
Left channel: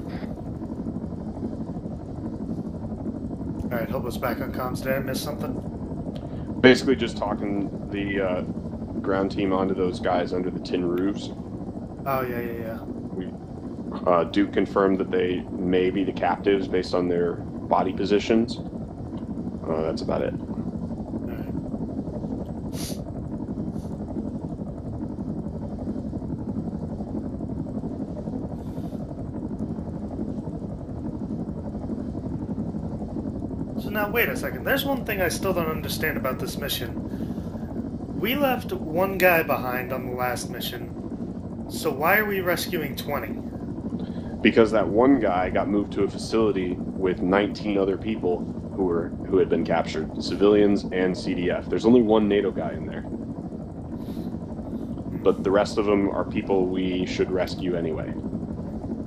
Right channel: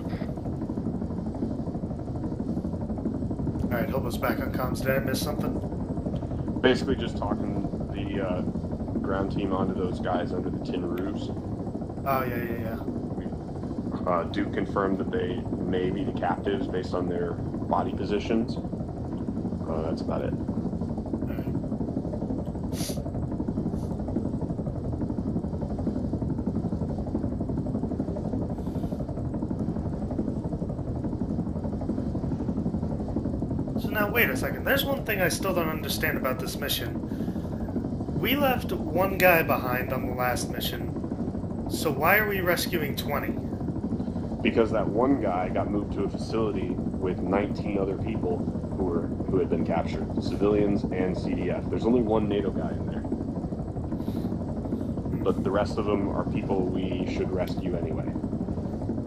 Alright, Hobo's back on comms. Did I miss something? Basically just talking the ground team onto those guys under the tin roofs. Oh, yeah. We do confirm that they may be the captives based on their body positions. That's about it. Alright. So now, wait a second. There's one thing I still don't understand about this mission. We left one guy behind on the last mission, so why are we rescuing 20? Because that one guy got moved to a facility with 19 other people who had been captured, civilians and CDF. There's only one NATO guy in there. But the rest of them are people we should rescue anyway.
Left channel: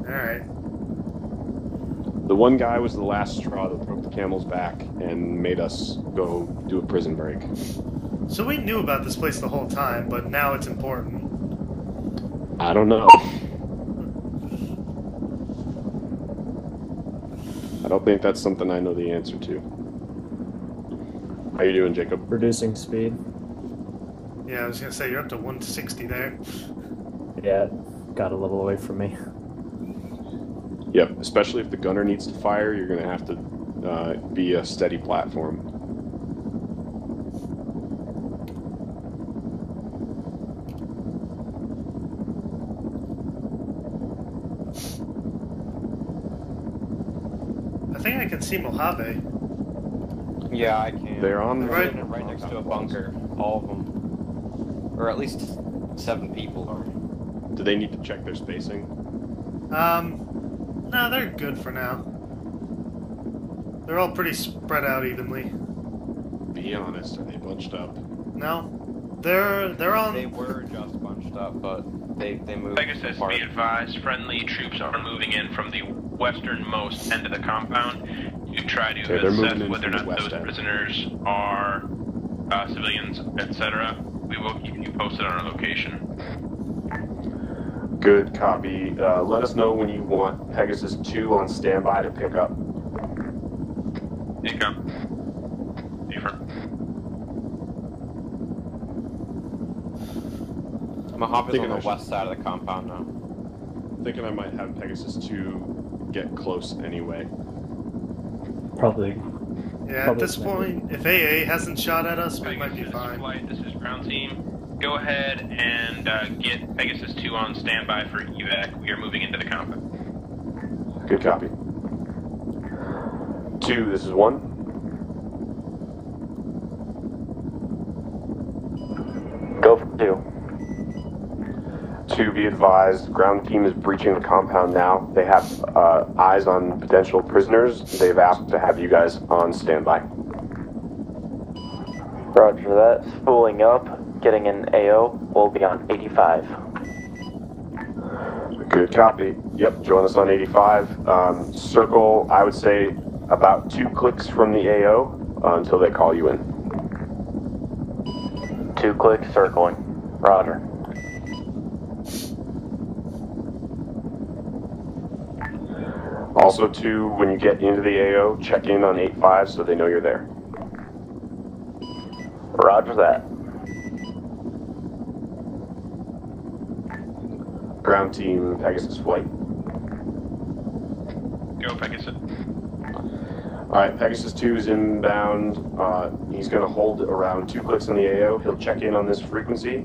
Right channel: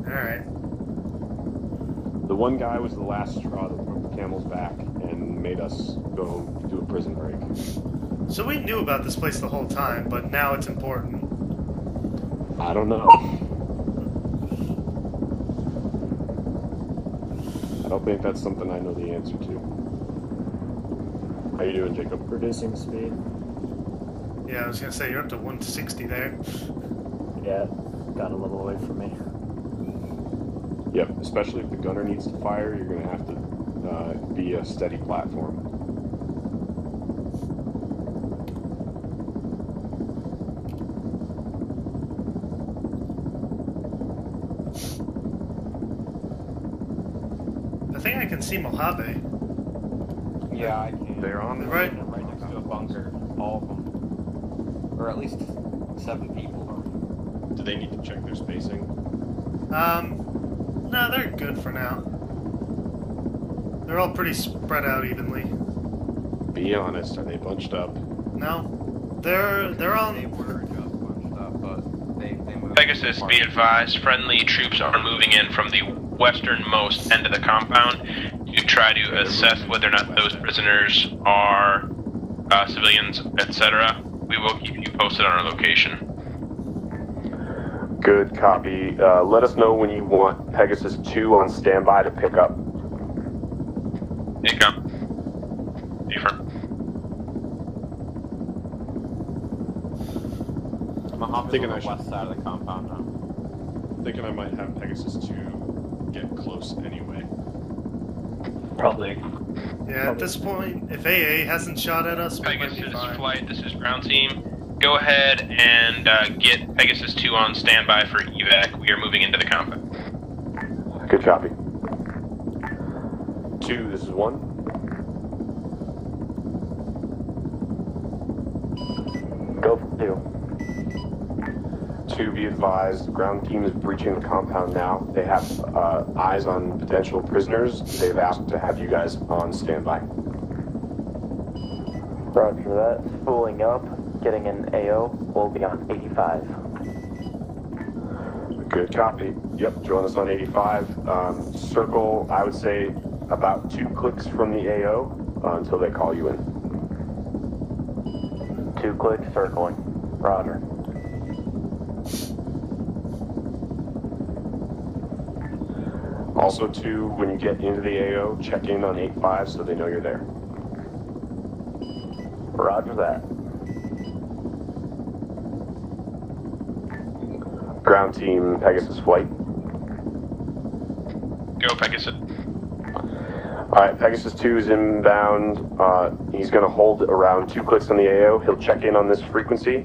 Alright. The one guy was the last straw that broke the camel's back and made us go do a prison break. So we knew about this place the whole time, but now it's important. I don't know. I don't think that's something I know the answer to. How you doing, Jacob? Reducing speed. Yeah, I was gonna say, you're up to 160 there. Yeah, got a little away from me. Yep, especially if the gunner needs to fire, you're going to have to be a steady platform. I think I can see Mojave. Yeah, I can. They're on. They're the Right next to a bunker. All of them. Or at least 7 people are. Do they need to check their spacing? No, they're good for now. They're all pretty spread out evenly. Be honest, are they bunched up? No, they're on. They were just bunched up, but they moved. Pegasus, be advised, friendly troops are moving in from the westernmost end of the compound to try to assess whether or not those prisoners are civilians, etc. We will keep you posted on our location. Good copy. Let us know when you want Pegasus 2 on standby to pick up. Here you come. Different. Mojave's Thinking on I the should- west side of the compound now. Thinking I might have Pegasus 2 get close anyway. Probably. Yeah, at this point, if AA hasn't shot at us, we might be fine. Flight, this is ground team. Go ahead and get Pegasus 2 on standby for evac. We are moving into the compound. Good copy. 2, this is 1. Go for 2. 2, be advised, ground team is breaching the compound now. They have eyes on potential prisoners. They've asked to have you guys on standby. Roger that. Spooling up. Getting an AO. We'll be on 85. Good copy. Yep, join us on 85. Circle, I would say, about 2 clicks from the AO until they call you in. 2 clicks circling. Roger. Also, 2, when you get into the AO, check in on 85 so they know you're there. Roger that. Ground team, Pegasus flight. Go, Pegasus. Alright, Pegasus 2 is inbound. He's going to hold around 2 clicks on the AO. He'll check in on this frequency,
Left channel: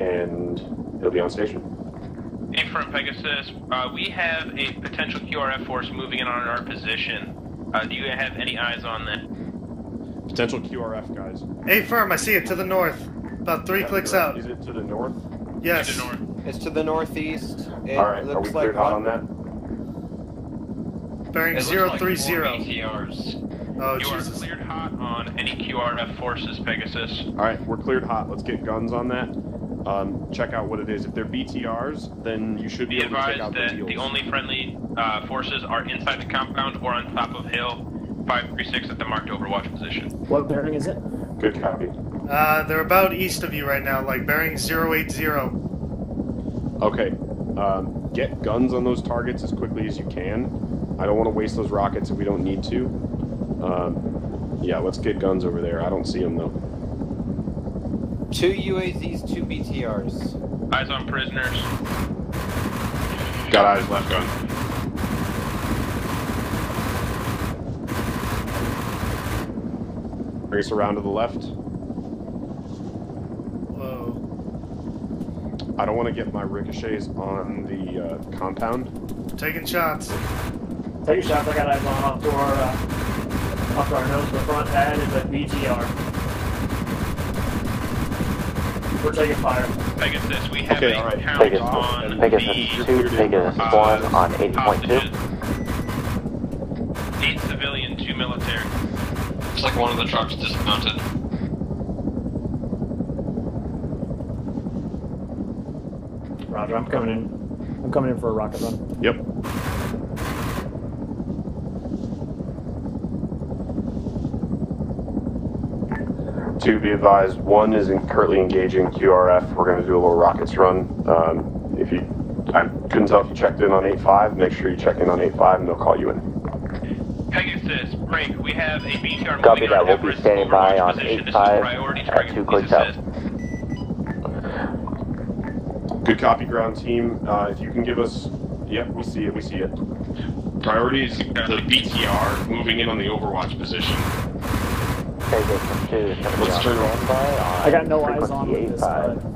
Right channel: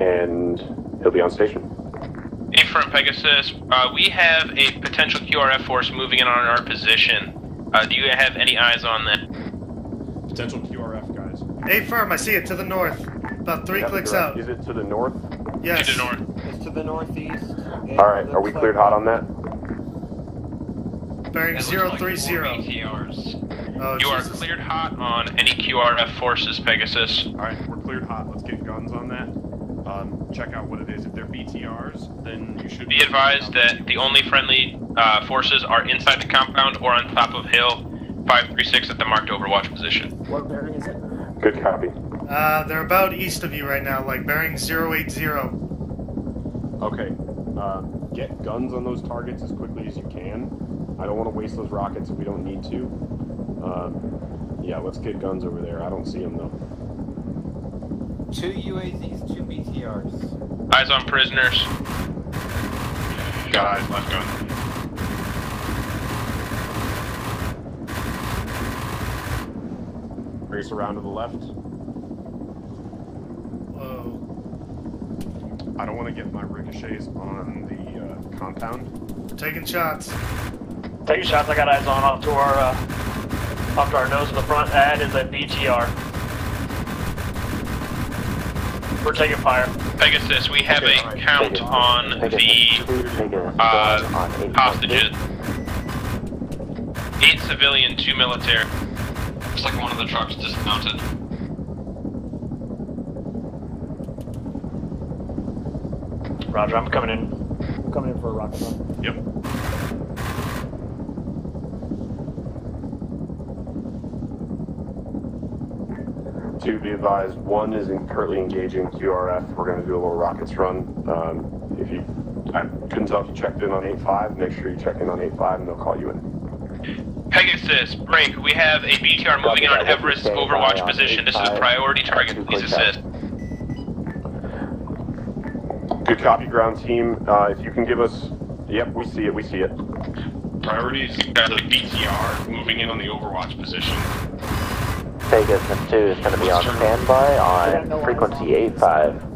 and he'll be on station. Affirm, Pegasus. We have a potential QRF force moving in on our position. Do you have any eyes on that? Potential QRF, guys. A-firm, I see it to the north. About 3 clicks out. Is it to the north? Yes. To the north. It's to the northeast. Alright, are we cleared hot on that? Bearing It looks like 030. 4 BTRs. Oh, You Jesus. are cleared hot on any QRF forces, Pegasus. Alright, we're cleared hot. Let's get guns on that. Check out what it is. If they're BTRs, then you should Be able to pick advised out that the deals. only friendly forces are inside the compound or on top of hill 536 at the marked overwatch position. What bearing is it? Good copy. They're about east of you right now, like bearing 080. Okay. Get guns on those targets as quickly as you can. I don't want to waste those rockets if we don't need to. Yeah, let's get guns over there. I don't see them though. 2 UAZs, 2 BTRs. Eyes on prisoners. Got eyes left gun. Race around to the left. Whoa. I don't want to get my ricochets on the compound. Taking shots. Take shots. I got eyes on off to our nose in the front. That is a BTR. We're taking fire. Pegasus, we have a count on the hostages. 8 civilian, 2 military. Looks like one of the trucks dismounted. Roger, I'm coming in. I'm coming in for a rocket run. Yep. 2, be advised, 1 is currently engaging QRF. We're going to do a little rockets run. I couldn't tell if you checked in on 8-5. Make sure you check in on 8-5 and they'll call you in. Pegasus, break. We have a BTR moving on Everest Overwatch position. This is priority target. Please assist. Good copy, ground team. If you can give us... Yep, we see it. Priorities are the BTR moving in on the Overwatch position. Pegasus 2, Let's turn I got no frequency 8-5.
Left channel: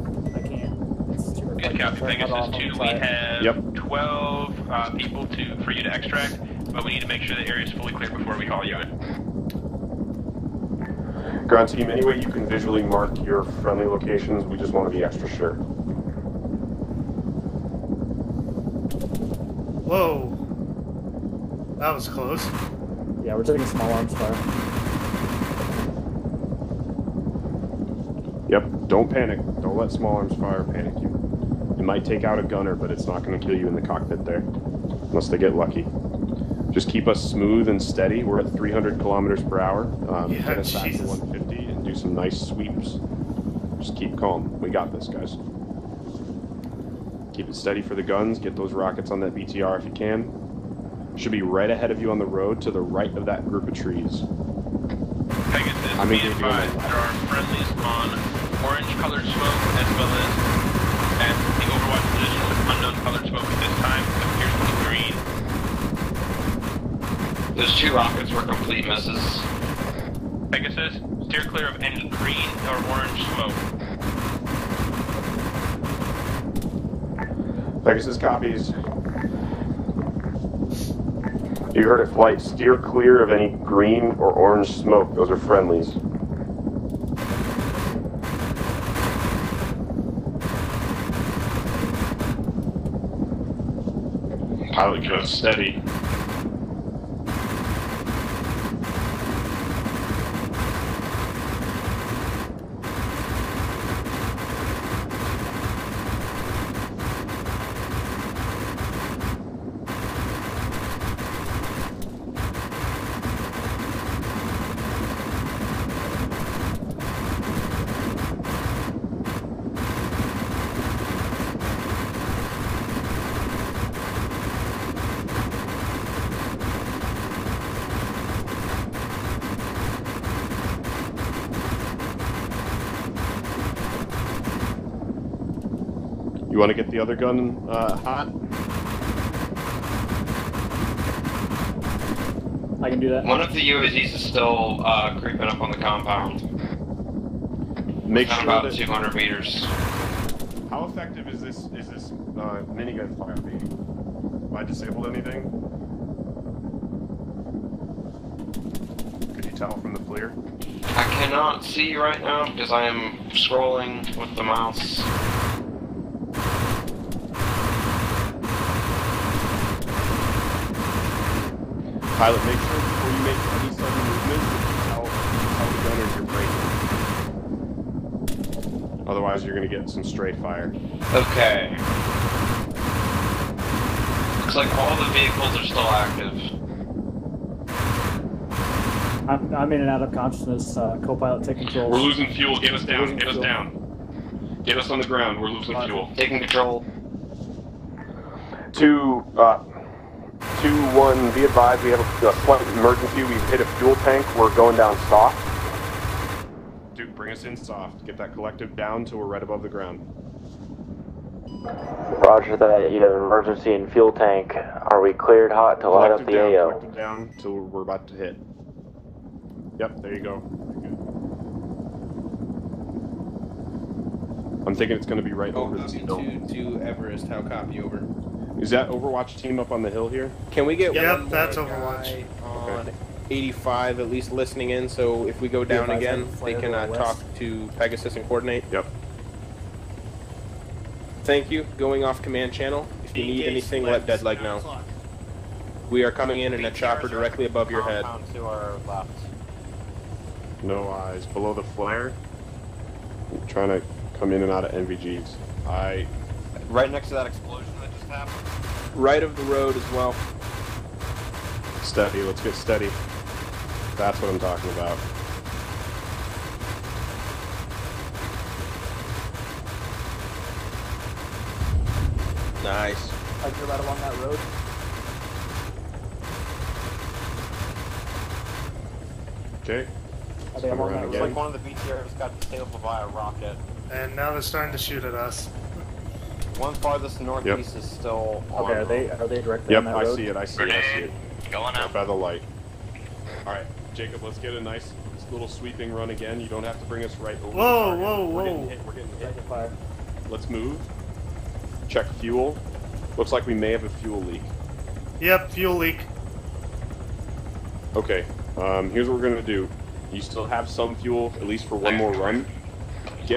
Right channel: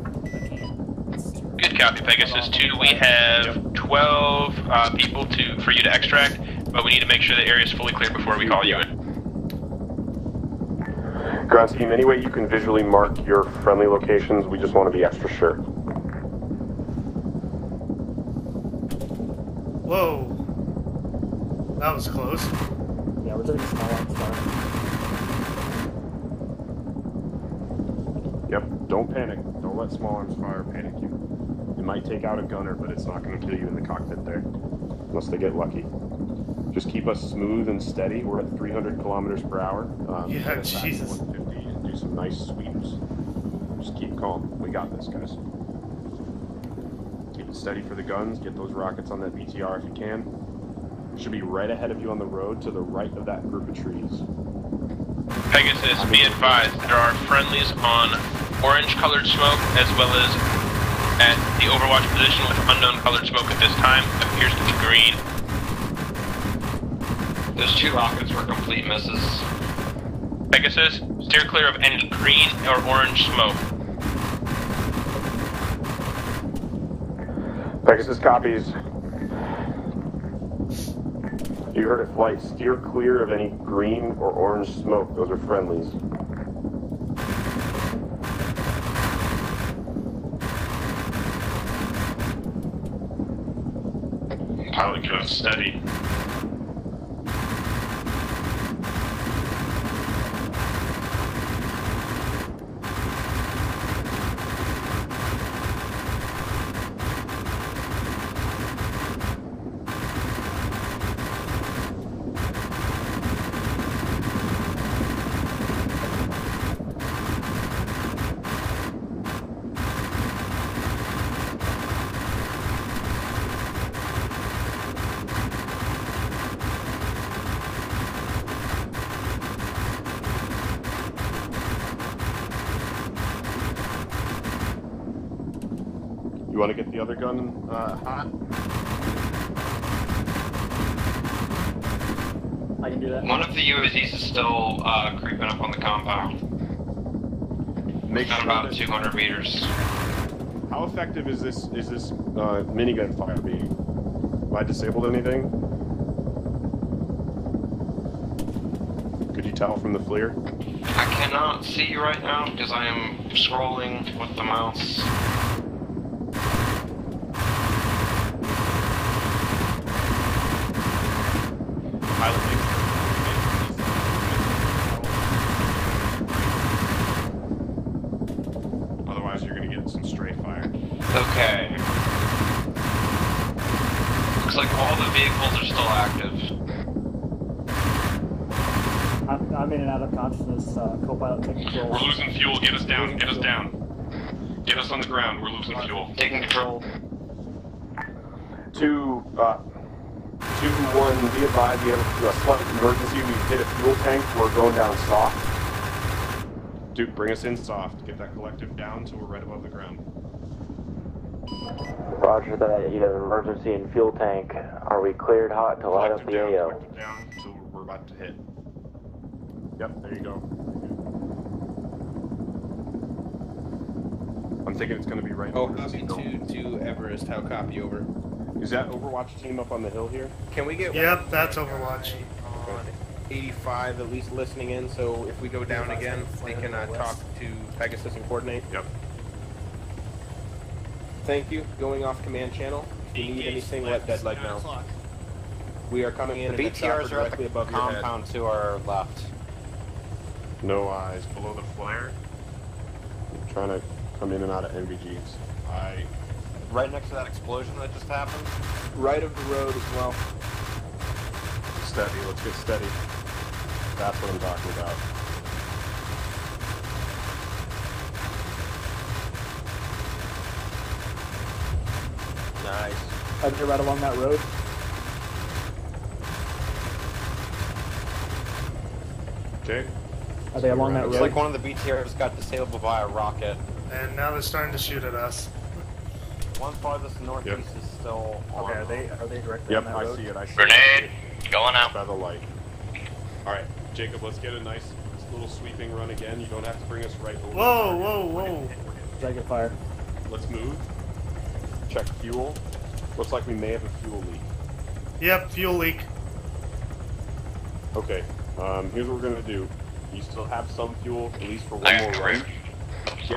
Good copy, Pegasus 2. We have 12 people for you to extract, but we need to make sure the area is fully clear before we call you in. Ground team, any way you can visually mark your friendly locations, we just want to be extra sure. Whoa. That was close. Yeah, we're taking some arms fire. Yep, don't panic. Don't let small arms fire panic you. It might take out a gunner, but it's not going to kill you in the cockpit there. Unless they get lucky. Just keep us smooth and steady. We're at 300 kilometers per hour. Yeah, Jesus. 150 and do some nice sweeps. Just keep calm. We got this, guys. Keep it steady for the guns. Get those rockets on that BTR if you can. Should be right ahead of you on the road to the right of that group of trees. Pegasus, be advised, there are friendlies on orange-colored smoke as well as at the Overwatch position with unknown colored smoke at this time. It appears to be green. Those 2 rockets were complete misses. Pegasus, steer clear of any green or orange smoke. Pegasus copies. You heard it, flight. Steer clear of any green or orange smoke. Those are friendlies. Pilot, get us steady. You want to get the other gun hot? I can do that. One of the UAZs is still creeping up on the compound. Make Not sure about that- 200 meters. How effective is this minigun fire being? Have I disabled anything? Could you tell from the FLIR? I cannot see right now because I am scrolling with the mouse. Otherwise, you're going to get some stray fire. Okay. Looks like all the vehicles are still active. I'm in and out of consciousness. Co-pilot, take control. We're losing fuel. Get us down. Get us down. Get us on the ground. We're losing fuel. Taking control. 2-1, be advised, we have a slight emergency. We hit a fuel tank. We're going down soft. Duke, bring us in soft. Get that collective down till we're right above the ground. Roger that. You have an emergency in fuel tank. Are we cleared hot to light up the AO? Collective down till we're about to hit. Yep, there you go. I'm thinking it's going to be right over this hill. Copy to Everest. How copy, over? Is that Overwatch team up on the hill here? Can we get... Yep, that's Overwatch. 85 at least listening in, so if we go down again, they can talk to Pegasus and coordinate. Yep. Thank you. Going off command channel. If you need anything, let Deadleg know. We are coming in a chopper directly above your head. To our left. No eyes. Below the flare. I'm trying to come in and out of NVGs. Right next to that explosion that just happened? Right of the road as well. Steady. Let's get steady. That's what I'm talking about. loaded. Okay. Let's come around Looks again. like one of the BTRs got disabled by a rocket. And now they're starting to shoot at us. One farthest northeast Yep. is still... Okay, are they directly Yep, on that I road? see it. I see Grenade, it. going out. By the light. All right, Jacob, let's get a nice little sweeping run again. You don't have to bring us right over. Whoa, whoa, whoa. Taking fire. Let's move. Check fuel. Looks like we may have a fuel leak. Yep, fuel leak. Okay, here's what we're gonna do. You still have some fuel, at least for one more run. If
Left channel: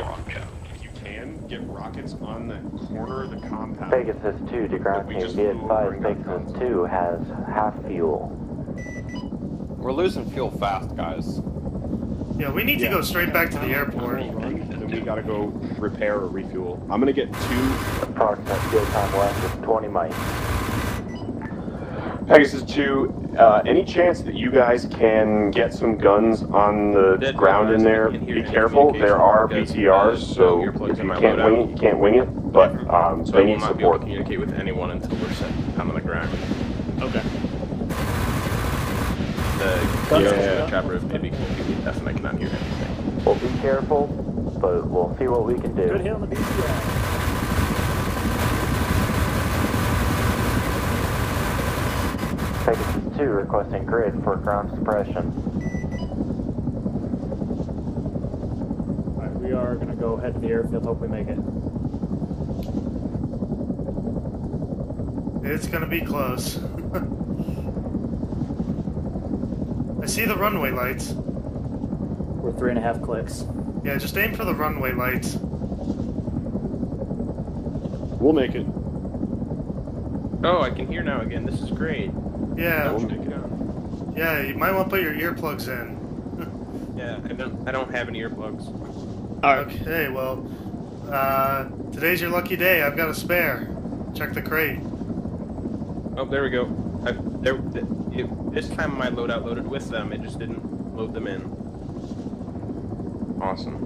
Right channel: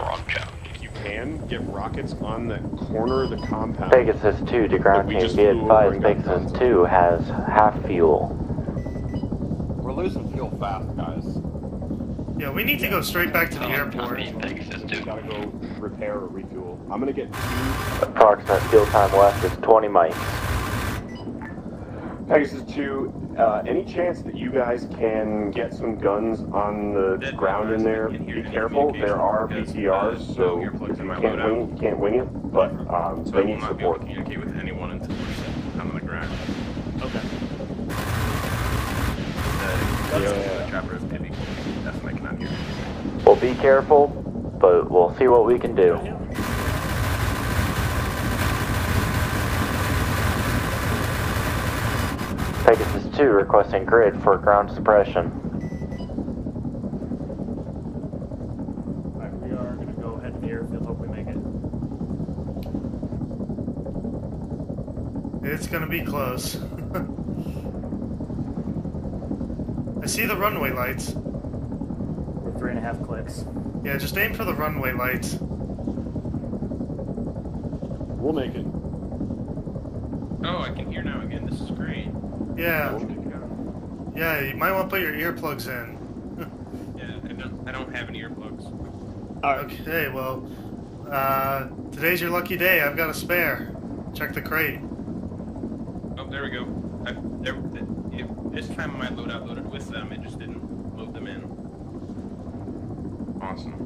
you can, get rockets on the corner of the compound. Pegasus 2 to ground team, be advised Pegasus 2 has half fuel. We're losing fuel fast, guys. Yeah, we need to go straight back to the airport. We gotta go repair or refuel. I'm gonna get 2. Approximate fuel time left is 20 miles. Pegasus 2, any chance that you guys can get some guns on the ground in there? Be careful, there are BTRs, so if you can't wing it, you can't wing it, but they need support. Communicate with anyone until there's on the ground. We'll be careful, but we'll see what we can do. Good hit on the BTR. Pegasus 2 requesting grid for ground suppression. Alright, we are gonna go head to the airfield, hope we make it. It's gonna be close. I see the runway lights. We're 3.5 clicks. Yeah, just aim for the runway lights. We'll make it. Oh, I can hear now again. This is great. Yeah. We'll make it out. Yeah, you might want to put your earplugs in. Yeah, I don't have any earplugs. Okay, well, today's your lucky day. I've got a spare. Check the crate. Oh, there we go. This time my loadout loaded with them. It just didn't load them in. Awesome.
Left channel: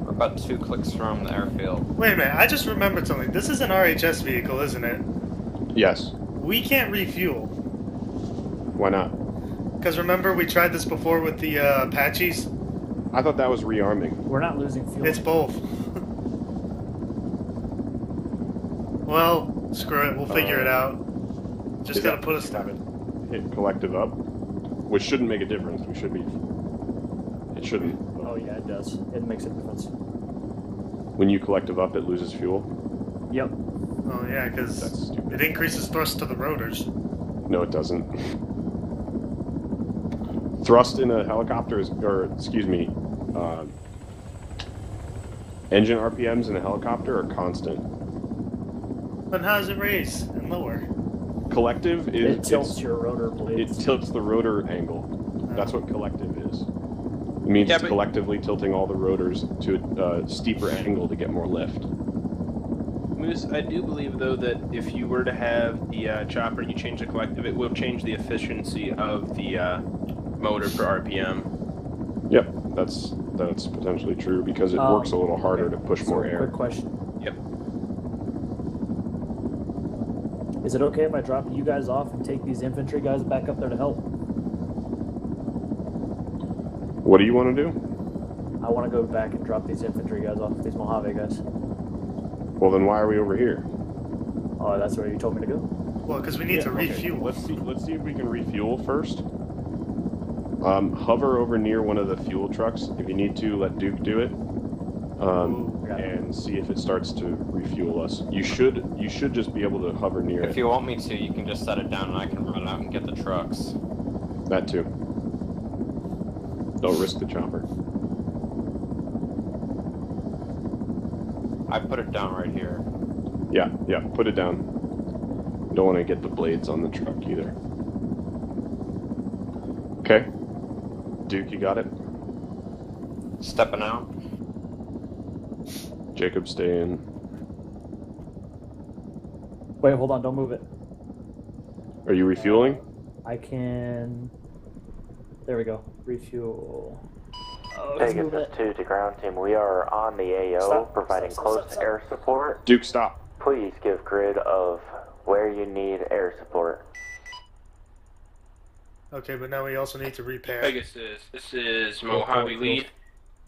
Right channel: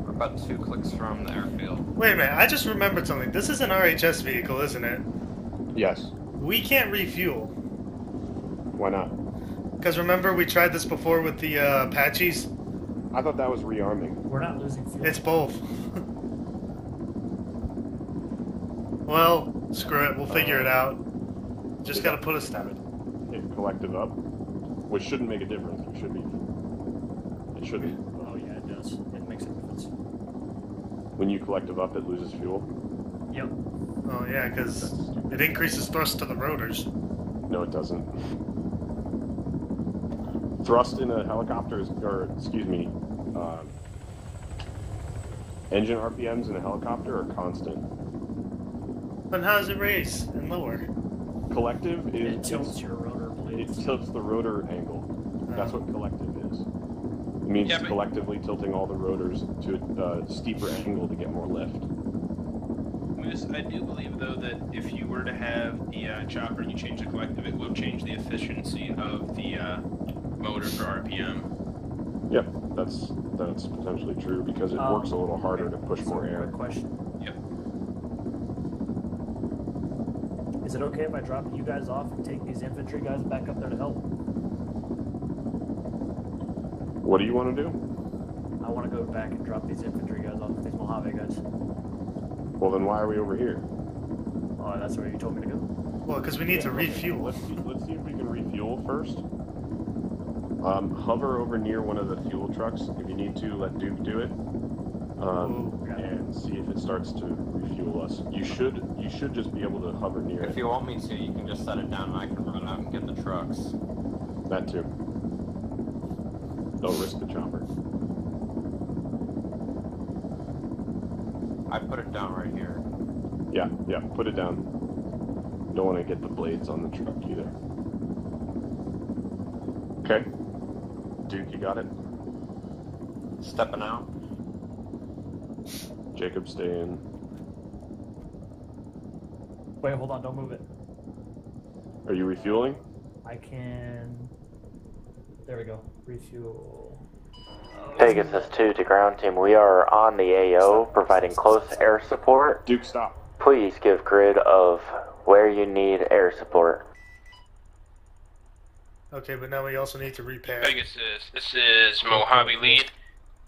We're about 2 clicks from the airfield. Wait a minute, I just remembered something. This is an RHS vehicle, isn't it? Yes. We can't refuel. Why not? Because remember we tried this before with the Apaches? I thought that was rearming. We're not losing fuel. It's both. Well, screw it. We'll figure it out. Just gotta put us down. Hit collective up, which shouldn't make a difference. We should be. It shouldn't. Oh yeah, it does. It makes a difference. When you collective up, it loses fuel. Yep. Oh yeah, because it increases thrust to the rotors. No, it doesn't. Thrust in a helicopter is, or excuse me, engine RPMs in a helicopter are constant. Then how does it raise and lower? Collective is... It tilts your rotor blades. It tilts the rotor angle. That's what collective is. It means Yeah, it's collectively tilting all the rotors to a steeper angle to get more lift. Moose, I do believe, though, that if you were to have the chopper and you change the collective, it will change the efficiency of the motor per RPM. Yep, that's potentially true because it works a little harder to push more air. Quick question. Yep. Is it okay if I drop you guys off and take these infantry guys back up there to help? What do you want to do? I want to go back and drop these infantry guys off, these Mojave guys. Well, then why are we over here? Oh, that's where you told me to go? Well, because we need to refuel. Let's see if we can refuel first. Hover over near one of the fuel trucks. If you need to, let Duke do it. And see if it starts to refuel us. You should just be able to hover near it. If you want me to, you can just set it down and I can run out and get the trucks. That too. Don't risk the chopper. I put it down right here. Yeah, put it down. Don't want to get the blades on the truck either. Okay. Duke, you got it? Stepping out. Jacob, stay in. Wait, hold on, don't move it. Are you refueling? I can... There we go. Refuel. Oh, Pegasus 2 to ground team. We are on the AO, providing close air support. Duke, stop. please give grid of where you need air support. Okay, but now we also need to repair. Pegasus, this is Mojave Lead.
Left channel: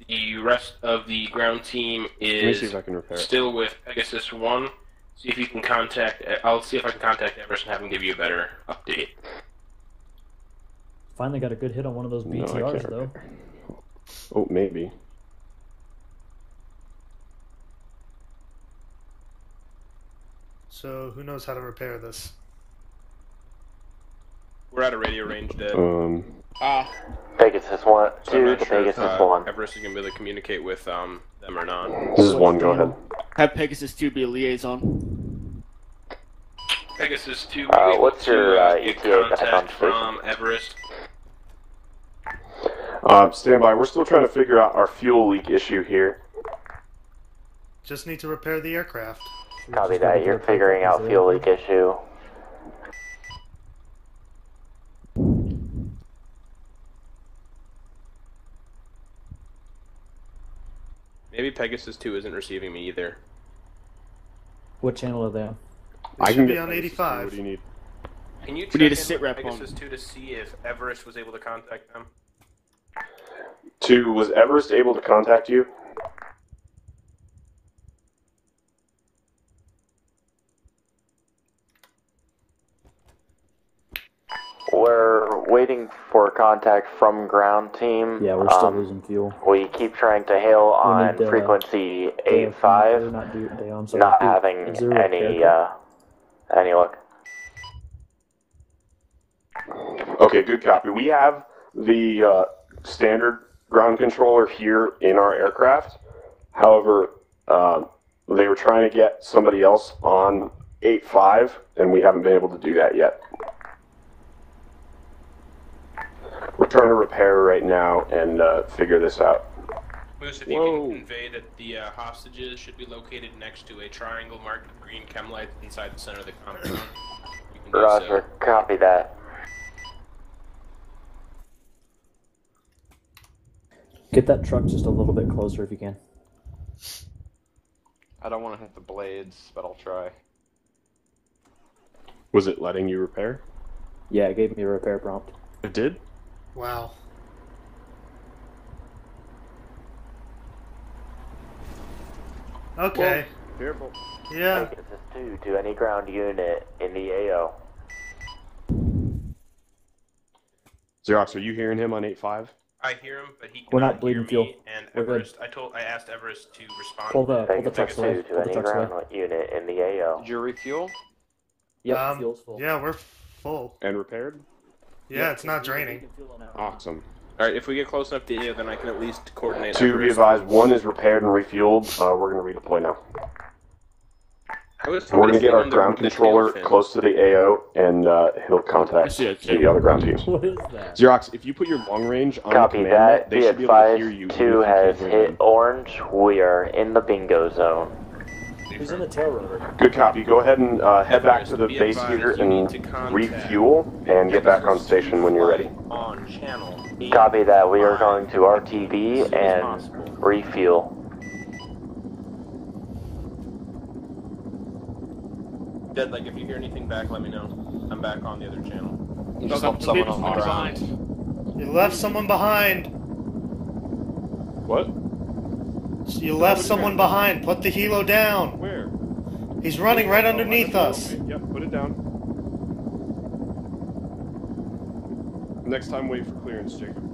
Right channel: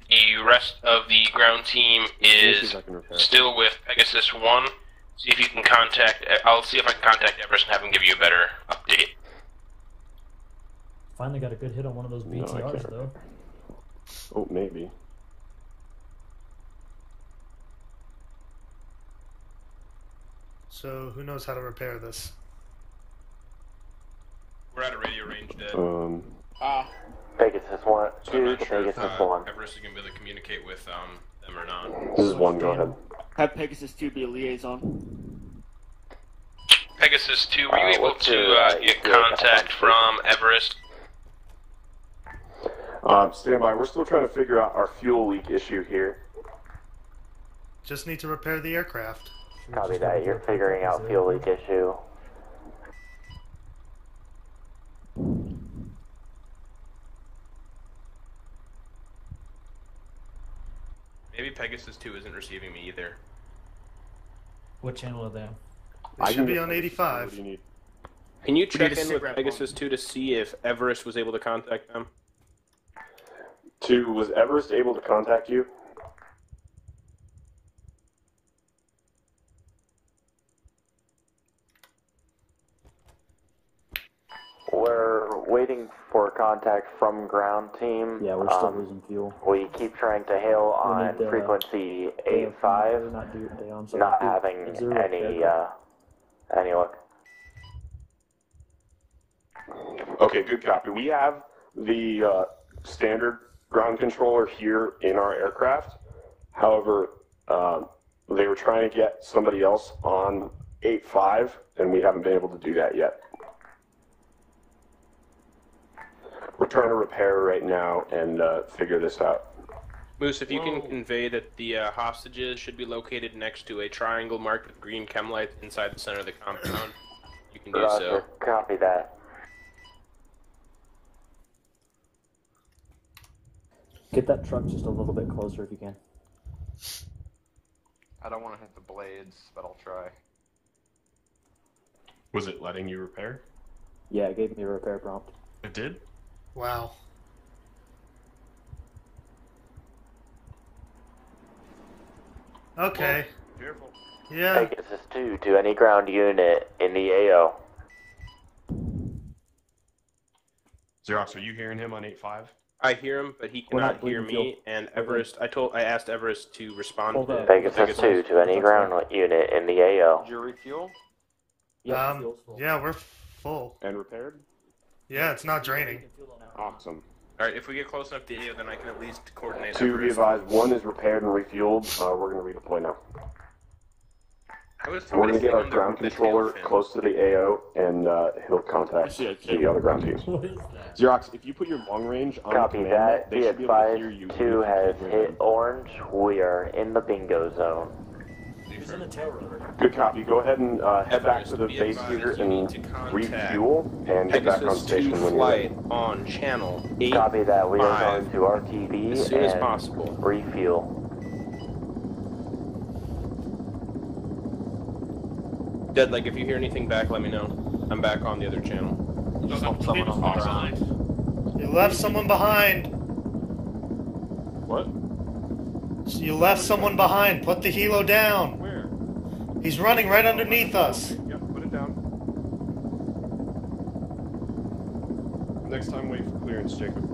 The rest of the ground team is still with Pegasus 1. See if you can contact. I'll see if I can contact Everest and have him give you a better update. Finally got a good hit on one of those BTRs, though. Oh, maybe. So, who knows how to repair this? We're out of radio range, Dead. Pegasus 1, So I'm 2 not to sure if, Pegasus 1. Everest is going to be able to communicate with them or not. This is 1, go ahead. Have Pegasus 2 be a liaison. Pegasus 2, were you able to get contact from Everest? Stand by. We're still trying to figure out our fuel leak issue here. Just need to repair the aircraft. Copy that, you're figuring out fuel leak issue. Maybe Pegasus 2 isn't receiving me either. What channel are they on? They should be on 85. What do you need? Can you We need check a in sit with rep Pegasus 2 to see if Everest was able to contact them? 2, was Everest able to contact you? We're waiting for contact from ground team. Yeah, we're still losing fuel. We keep trying to hail on frequency 85, not having any luck. Okay, good copy. We have the standard ground controller here in our aircraft. However, they were trying to get somebody else on 8.5, and we haven't been able to do that yet. We're trying to repair right now and figure this out. Moose, if you can convey that the hostages should be located next to a triangle marked with green chem lights inside the center of the compound, you can do so. Copy that. Get that truck just a little bit closer if you can. I don't want to hit the blades, but I'll try. Was it letting you repair? Yeah, it gave me a repair prompt. It did? Wow. Okay. Careful. Yeah. Pegasus 2 to any ground unit in the AO. Xerox, are you hearing him on 8.5? I hear him, but he We're cannot not hear bleeding fuel. me. And Everest, I asked Everest to respond Hold to up. Pegasus 2 to any ground unit in the AO. Did you refuel? Yeah, yeah, we're full. And repaired? Yeah, it's not draining. Awesome. Alright, if we get close enough to you, then I can at least coordinate. 2, be advised, 1 is repaired and refueled. We're going to redeploy now. We're going to get our ground controller close to the AO, and he'll contact the other ground teams. What is that? Xerox, if you put your long range on Copy the command that. net, they should be able to hear you. 2 has hit orange. We are in the bingo zone. Who's in the tail rotor? Good copy. Go ahead and head back to the base here and refuel, and get back on station when you're ready. On channel Copy that. We are going to RTV and refuel. Dead, like, if you hear anything back, let me know. I'm back on the other channel. You just helped someone on the side. You left someone behind. What? You left someone behind. Put the helo down. Where? He's running right underneath us. Yep, put it down. Next time, wait for clearance, Jacob.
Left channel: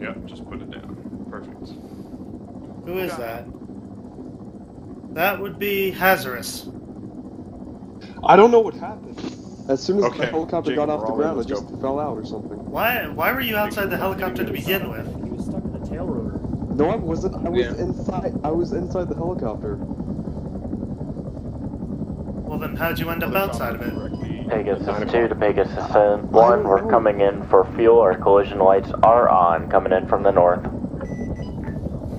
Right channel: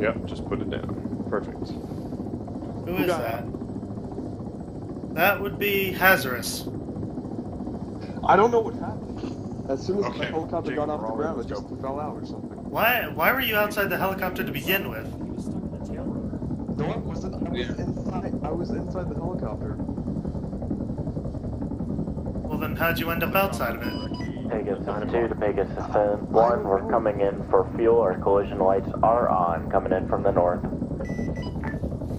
Yep, just put it down. Perfect. Who is that? That would be Hazardous. I don't know what happened. As soon as Okay, the helicopter got off the ground, it just fell out or something. Why were you outside the helicopter to begin with? He was stuck in the tail rotor. No, I wasn't. I was inside. I was inside the helicopter. Well, then how'd you end up outside of it? Pegasus 2 to Pegasus 1. We're coming in for fuel. Our collision lights are on, coming in from the north.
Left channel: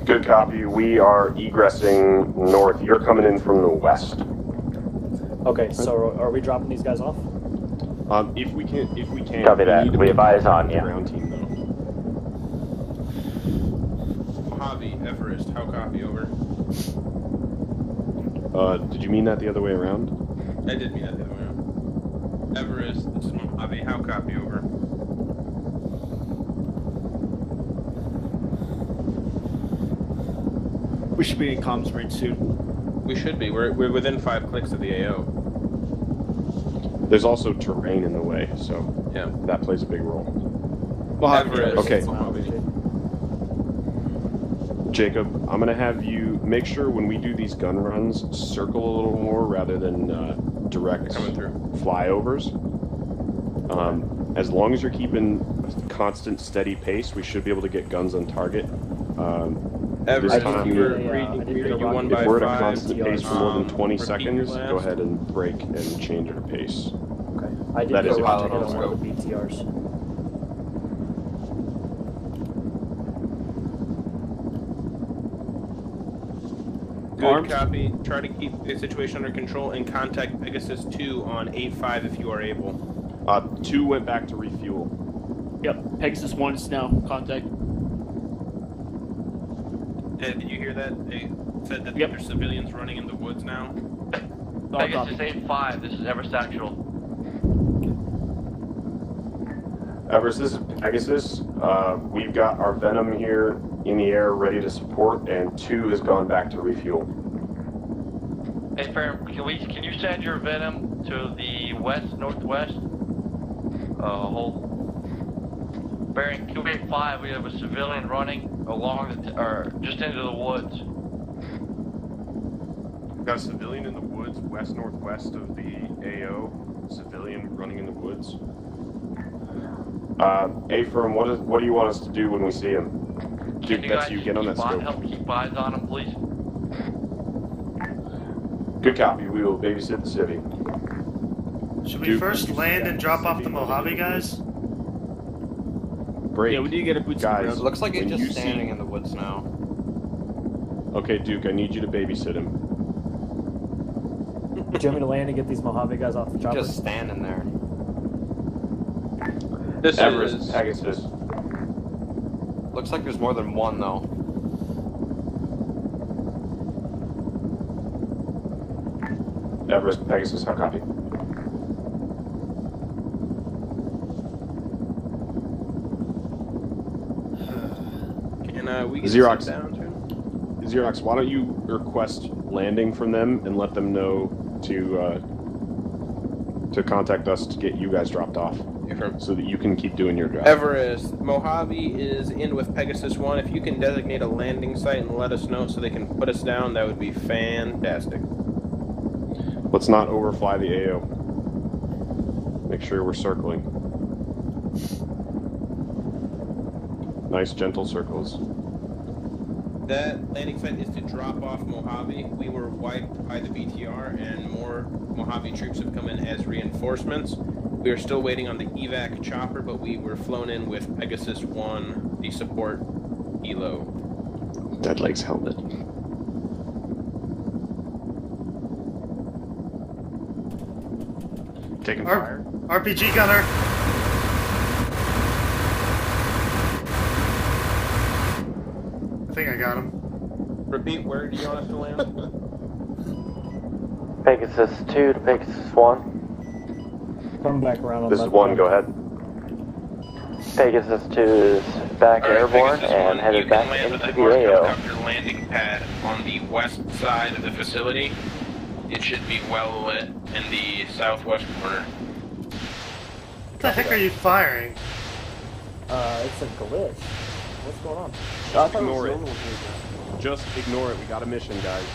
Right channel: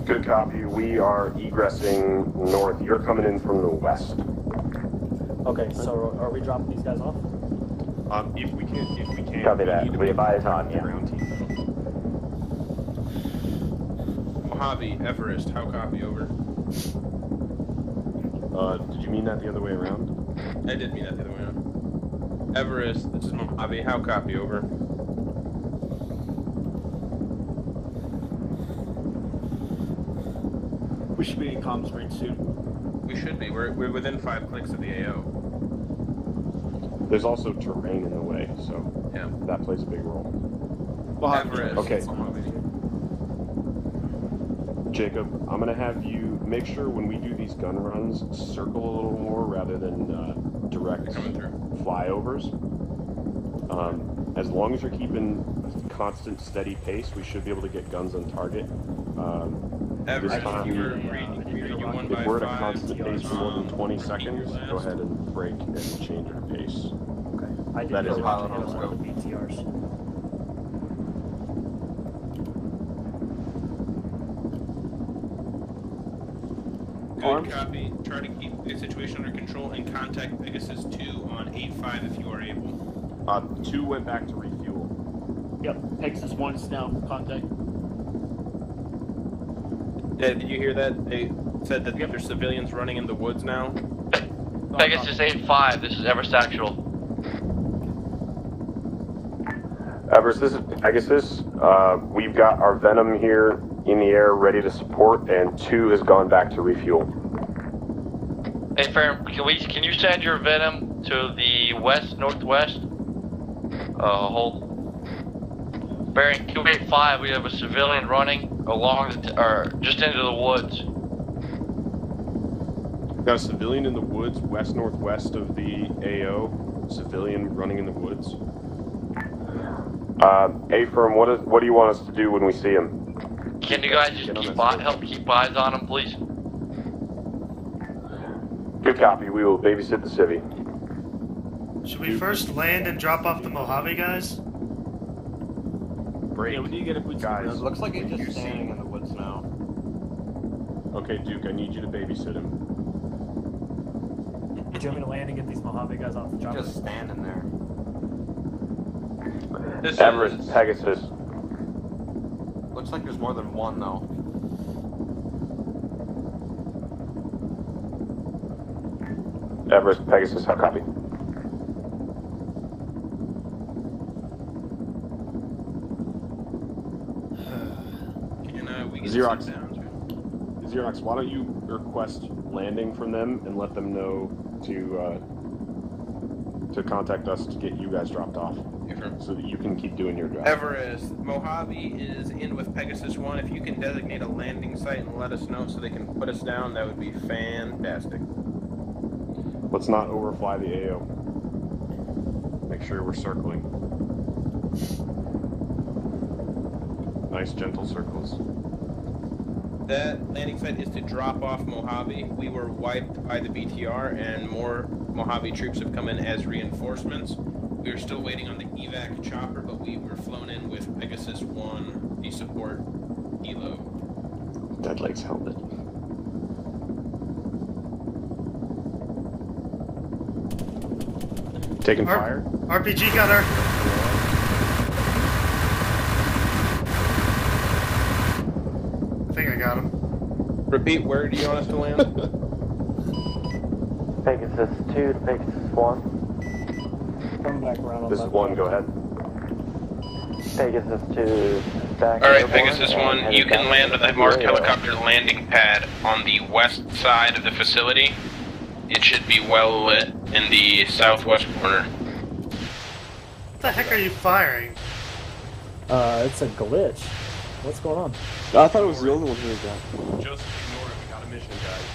Good copy. We are egressing north. You're coming in from the west. Okay, so are we dropping these guys off? If we can. Copy that. Need to We make advise on you. ground team, Mojave, Everest, how copy, over? Did you mean that the other way around? I did mean that the other way around. Everest, this is Mojave, how copy, over? We should be in comms range soon. We should be. We're within 5 clicks of the AO. There's also terrain in the way, so yeah, that plays a big role. Okay. Jacob, I'm gonna have you make sure when we do these gun runs, circle a little more rather than direct flyovers. As long as you're keeping constant, steady pace, we should be able to get guns on target. This time, if we're at a constant pace for more than 20 seconds, go ahead and break and change our pace. I did That is go if out you on take one it of the BTRs. Good copy. Try to keep the situation under control and contact Pegasus 2 on 8-5 if you are able. 2 went back to refuel. Yep, Pegasus 1 is now contact. Yeah, did you hear that? They said that there's civilians running in the woods now. Pegasus 8-5, this is Everest Actual. Everest, this is Pegasus. We've got our Venom here in the air ready to support, and 2 has gone back to refuel. Hey, Farron, can you send your Venom to the west-northwest? Hold. Bearing 285, we have a civilian running along, or just into the woods. Got a civilian in the woods, west-northwest of the AO. Civilian running in the woods. A-Firm, what do you want us to do when we see him? Can you guys help keep eyes on him, please? Good copy. We will babysit the civvy. Should we first land and drop off the Mojave guys? Break. Yeah, we need to get a boots on the ground. Looks like he's When just you standing see- in the woods now. Okay, Duke, I need you to babysit him. Do you want me to land and get these Mojave guys off the chopper? Just standing there. This Everest, is Pegasus. Looks like there's more than one though. Everest, Pegasus, how copy? Can we get Xerox. down to? Xerox, why don't you request landing from them and let them know to contact us to get you guys dropped off, so that you can keep doing your job. Everest, Mojave is in with Pegasus 1. If you can designate a landing site and let us know so they can put us down, that would be fantastic. Let's not overfly the AO. Make sure we're circling. Nice, gentle circles. That landing site is to drop off Mojave. We were wiped by the BTR, and more Mojave troops have come in as reinforcements. We are still waiting on the evac chopper, but we were flown in with Pegasus 1, the support Elo. Dead Legs helmet. Taking fire. RPG gunner. I think I got him. Repeat, where do you want us to land? Pegasus 2 to Pegasus 1. Come back around. This is 1, go ahead. Pegasus 2 is back Alright, airborne Pegasus and 1, headed you can back land to on the the marked AO. helicopter landing pad on the west side of the facility. It should be well lit in the southwest corner. What the heck are you firing? It's a glitch. What's going on? I thought it was Ignore the it. only thing. Just ignore it. Got a mission, guys.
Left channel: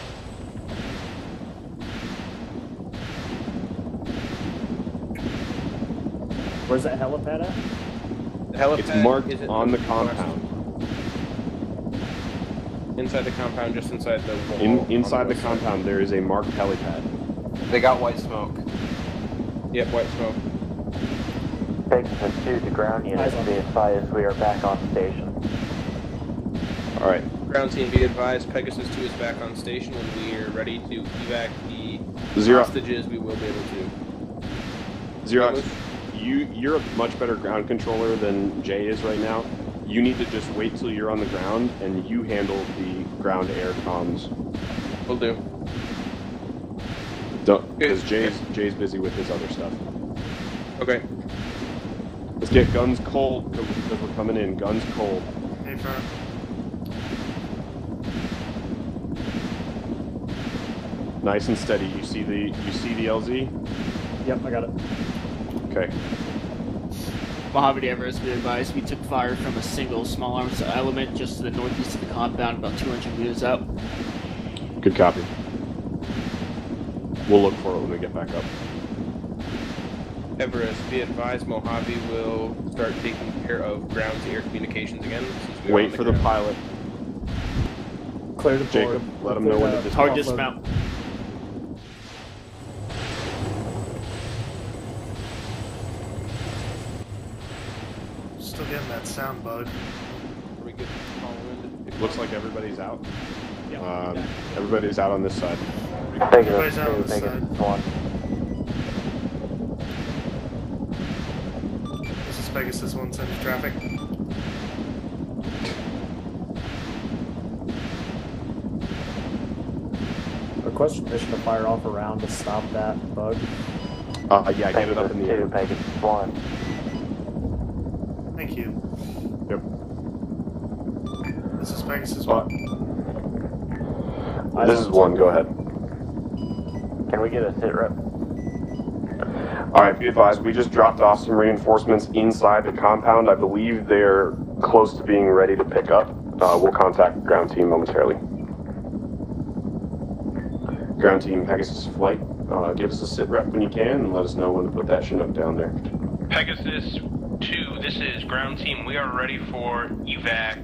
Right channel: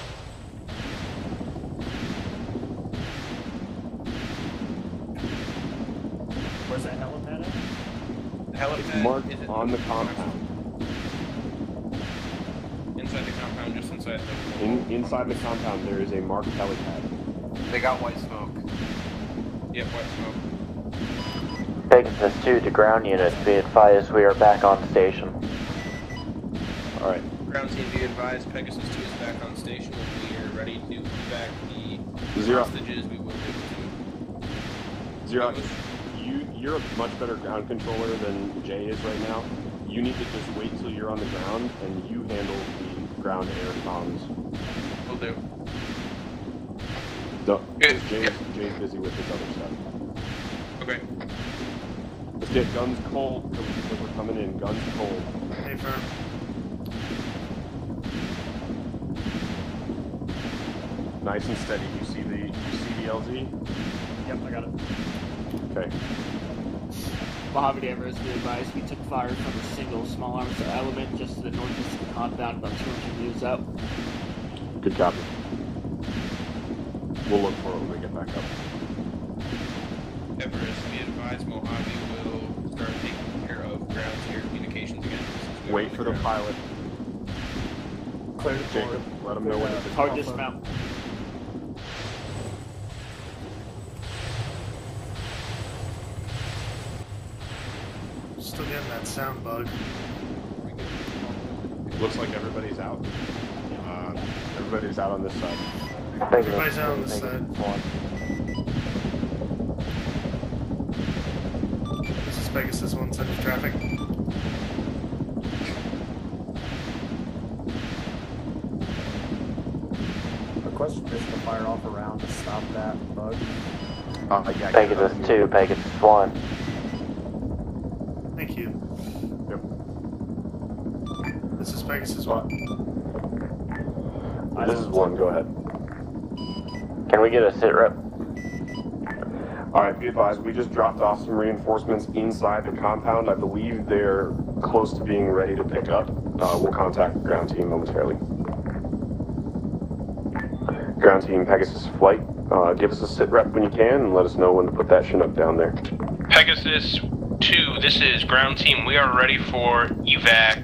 Where's that helipad at? The helipad It's marked is on the compound. inside the compound, just inside the Inside the compound, there is a marked helipad. They got white smoke. Yep, white smoke. Pegasus 2 to ground units, be advised we are back on station. Alright. Ground team, be advised, Pegasus 2 is back on station. When we are ready to evac the Zero. hostages, we will be able to. Xerox, you're a much better ground controller than Jay is right now. You need to just wait till you're on the ground and you handle the ground-air comms. Will do. Don't, because Jay's busy with his other stuff. Okay. Let's get guns cold. Coming in, guns cold. Hey, firm. Nice and steady. You see the LZ? Yep, I got it. Okay. Mojave Everest, be advised, we took fire from a single small arms element just to the northeast of the compound, about 200 meters out. Good copy. We'll look for it when we get back up. Everest, be advised, Mojave will start taking care of ground-to-air communications again. Wait for the pilot. Clear the Jacob, board. let them know when to Hard dismount. Still getting that sound bug. Looks like everybody's out. Everybody's out on this side. Everybody's out on this side. This is Pegasus 1, send you traffic. Request permission to fire off a round to stop that bug. Yeah, Pegasus 2, Pegasus 1. Thank you. Yep. This is Pegasus 1. This is 1, go ahead. Can we get a sit rep? Alright, be advised, we just dropped off some reinforcements inside the compound. I believe they're close to being ready to pick up. We'll contact the ground team momentarily. Ground team, Pegasus Flight, give us a sit rep when you can and let us know when to put that Chinook down there. Pegasus 2, this is ground team. We are ready for evac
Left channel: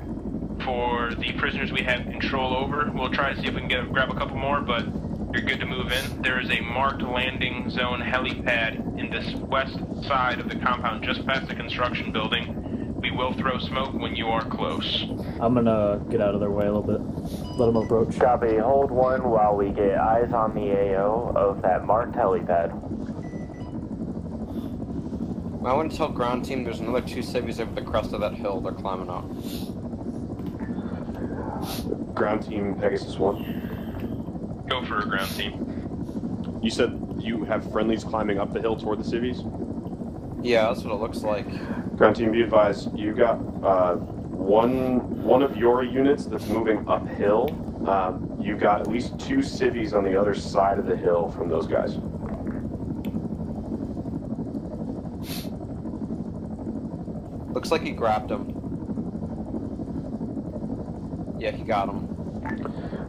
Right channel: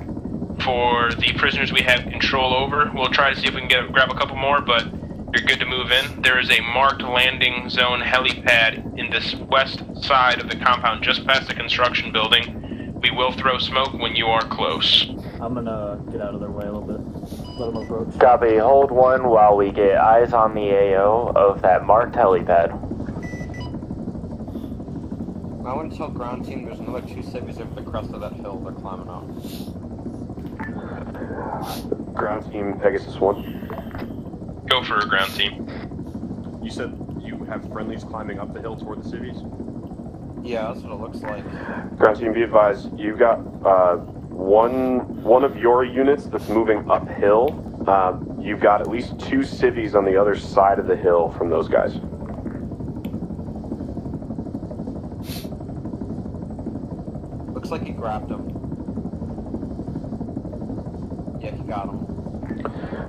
for the prisoners we have control over. We'll try to see if we can grab a couple more, but you're good to move in. There is a marked landing zone helipad in this west side of the compound, just past the construction building. We will throw smoke when you are close. I'm gonna get out of their way a little bit. Let them approach. Copy, hold 1 while we get eyes on the AO of that marked helipad. I want to tell ground team there's another 2 civvies over the crest of that hill. They're climbing up. Ground team, Pegasus 1. Go for a ground team. You said you have friendlies climbing up the hill toward the civies? Yeah, that's what it looks like. Ground team, be advised, you got one of your units that's moving uphill. You've got at least 2 civies on the other side of the hill from those guys. Looks like he grabbed him. Yeah, he got him.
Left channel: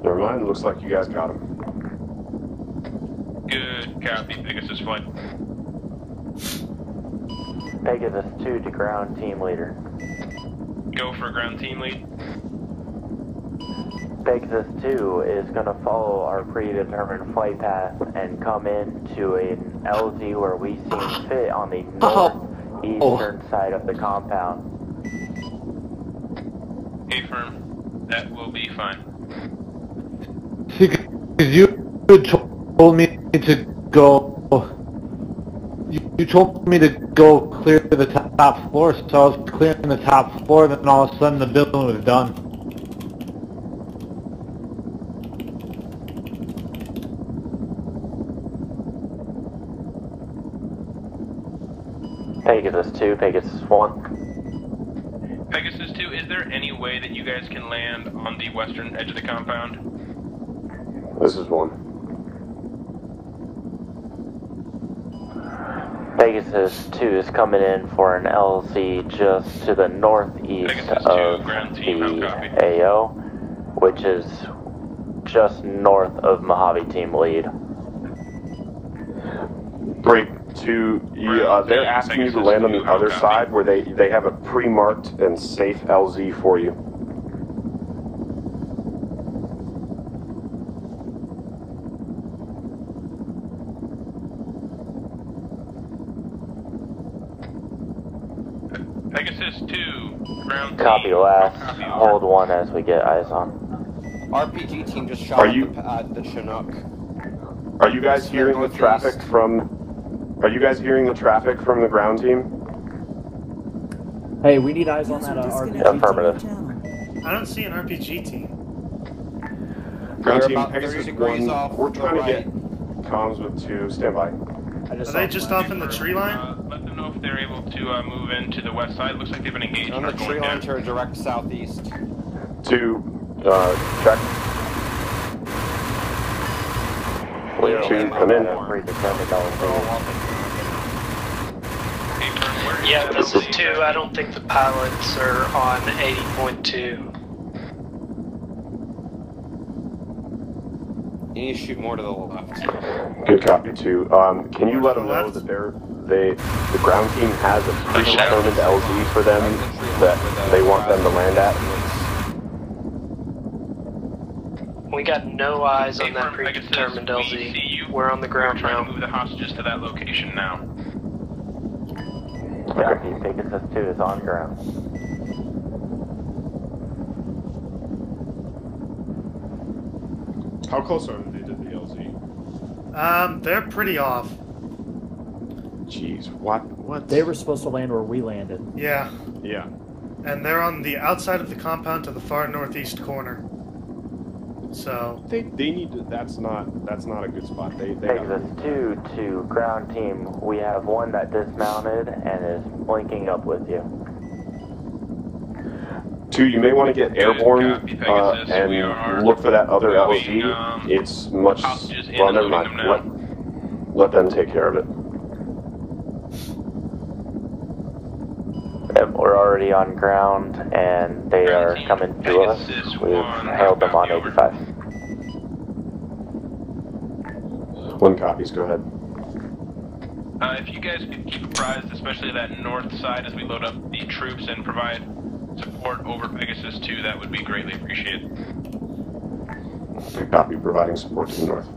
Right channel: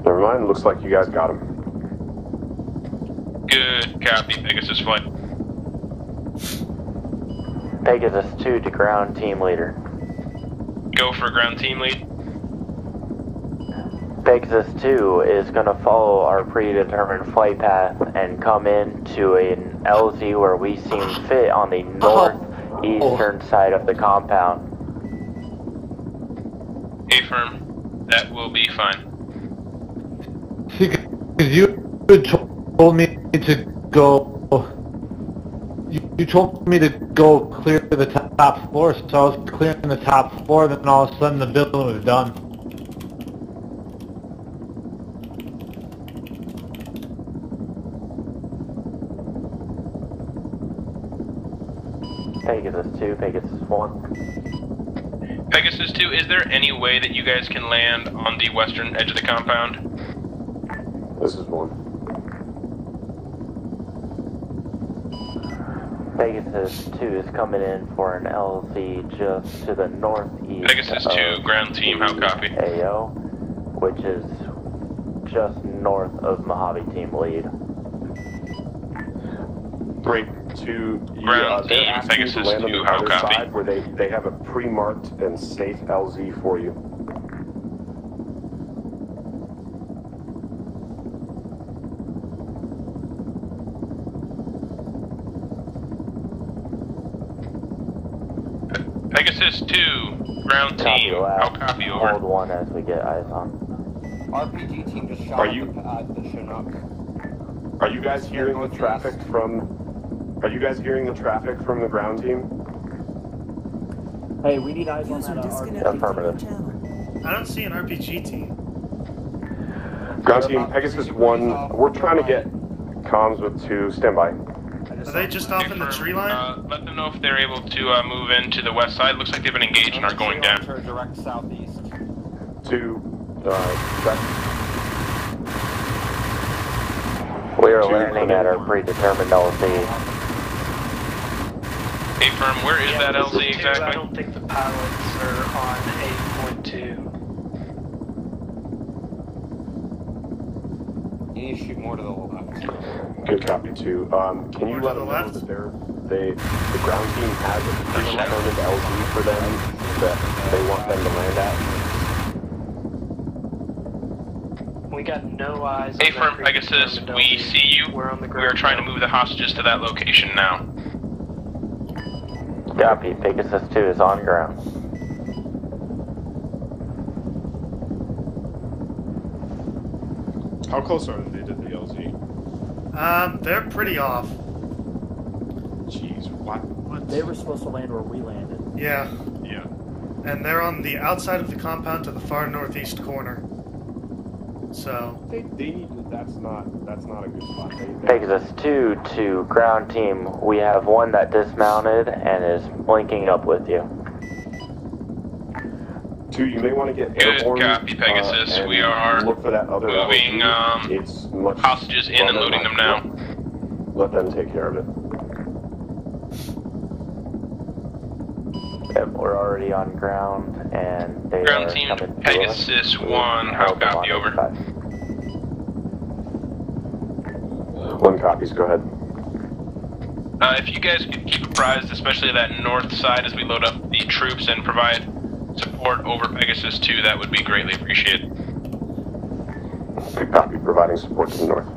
Never mind, looks like you guys got him. Good copy, Pegasus Flight. Pegasus 2 to ground team leader. Go for ground team lead. Pegasus 2 is going to follow our predetermined flight path and come into an LZ where we see fit on the northeastern side of the compound. A-firm, that will be fine. Because you told me to go. You told me to go clear the top floor, so I was clearing the top floor, then all of a sudden the building was done. Pegasus 2, Pegasus 1. Pegasus 2, is there any way that you guys can land on the western edge of the compound? This is 1. Pegasus 2 is coming in for an LZ just to the northeast Pegasus 2, ground team, how copy? AO, which is just north of Mojave team lead. Break 2, they're asking you to land on the other side where they have a pre-marked and safe LZ for you. Pegasus 2, ground team. Copy last. Copy over. Hold 1 as we get eyes on. RPG team just shot Are you- the Chinook. Are you guys hearing the traffic from Are you guys hearing the traffic from the ground team? Hey, we need eyes User on that. disconnected from your channel. I don't see an RPG team. Ground team, Pegasus 1, we're trying to get comms with 2, standby. Are they just off in the tree line? Let them know if they're able to move into the west side. Looks like they've been engaged and are going down. To direct southeast. 2, check. We are landing at our predetermined LZ. Hey, Firm, where is that this LZ is 2. exactly? I don't think the pilots are on 80.2. You need to shoot more to the left. Good copy, 2. Can you let them know that the ground team has a predetermined LZ for them that they want them to land at? We got no eyes on that Pegasus, predetermined we LZ. see you. We're on the ground. We're trying to move the hostages to that location now. Copy, Pegasus 2 is on ground. How close are they to the LZ? They're pretty off. Jeez, what? They were supposed to land where we landed. Yeah. Yeah. And they're on the outside of the compound to the far northeast corner. So They need to. That's not a good spot. They Pegasus 2 to ground team. We have one that dismounted and is linking up with you. 2, you may want to get airborne Copy, Pegasus. and We are look for that other moving LZ. It's much hostages in and loading them now. Let them take care of it. Yep, we're already on ground, and they Ground are team, coming to us. Pegasus We've 1, how held them copy, on over? 85. 1 copies, go ahead. If you guys could keep apprised, especially that north side as we load up the troops and provide support over Pegasus 2, that would be greatly appreciated. Good copy, providing support to the north.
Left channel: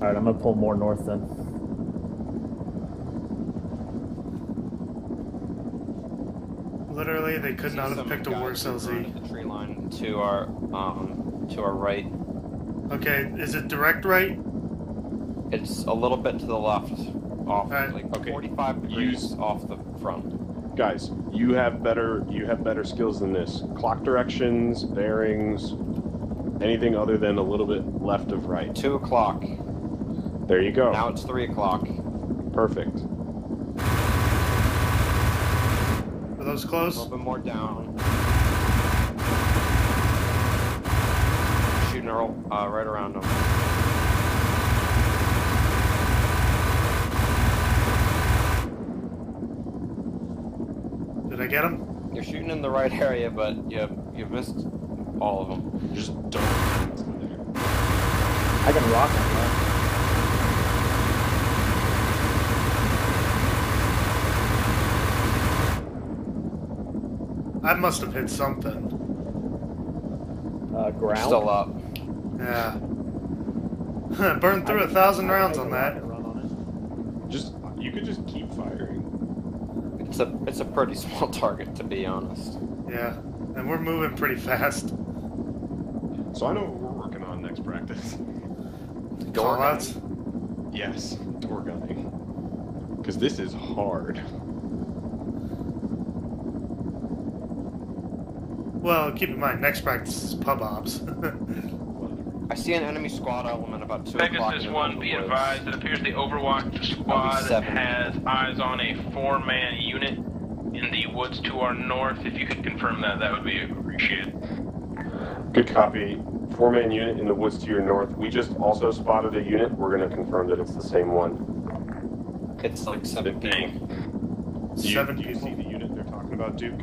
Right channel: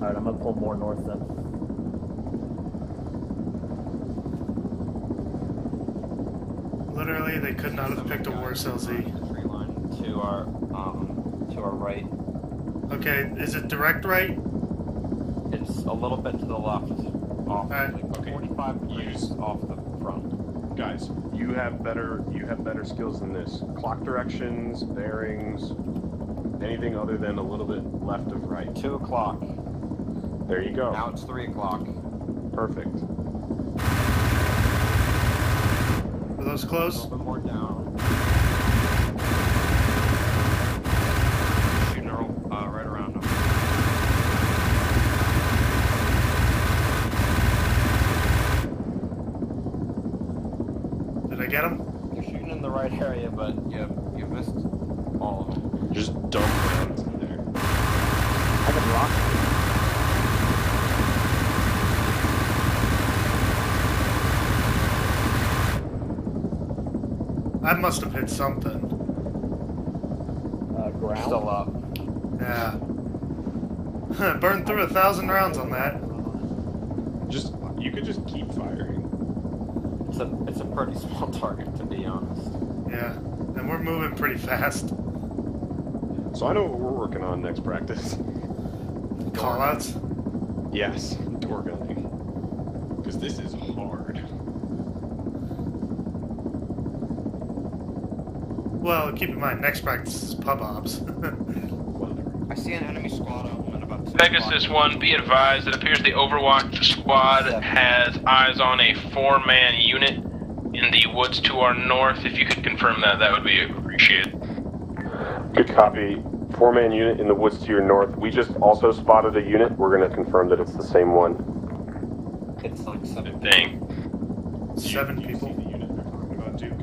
Alright, I'm gonna pull more north then. literally, they could not have picked a worse LZ. Tree line to our right. Okay, is it direct right? It's a little bit to the left. Off, Alright. like Okay. 45 degrees off the front. Guys, you have better skills than this. Clock directions, bearings, anything other than a little bit left of right. 2 o'clock. There you go. Now it's 3 o'clock. Perfect. Are those close? A little bit more down. Shooting right around them. Did I get him? You're shooting in the right area, but you missed all of them. Just dump them there. I must have hit something. Ground? Still up. Yeah. Burned through 1,000 rounds on that. You could just keep firing. It's a pretty small target, to be honest. Yeah, and we're moving pretty fast. So I know what we're working on next practice. Callouts? Yes, door gunning. Because this is hard. Well, keep in mind, next practice is pub ops. I see an enemy squad element about 2 Pegasus 1, be advised, it appears the Overwatch squad has eyes on a 4-man unit in the woods to our north. If you could confirm that, that would be appreciated. Good copy. 4-man unit in the woods to your north. We just also spotted a unit. We're going to confirm that it's the same one. It's like 7 Dang. Do you see the unit they're talking about, Duke?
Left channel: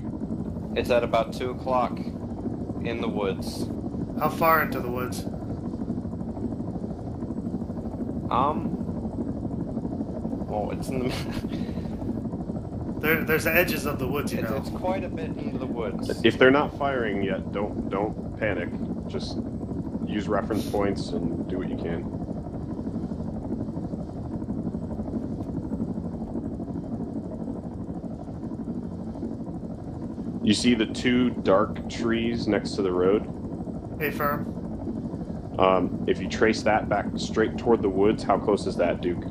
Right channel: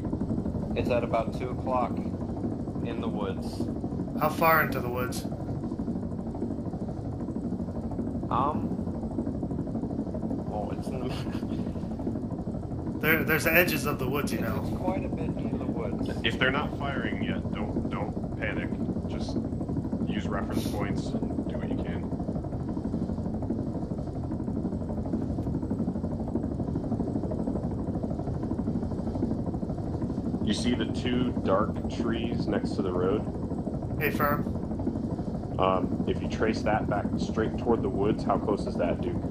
It's at about 2 o'clock in the woods. How far into the woods? Well, it's in the... There's the edges of the woods, you know. It's quite a bit into the woods. If they're not firing yet, don't panic. Just use reference points and do what you can. You see the 2 dark trees next to the road? Hey, firm. If you trace that back straight toward the woods, how close is that, Duke?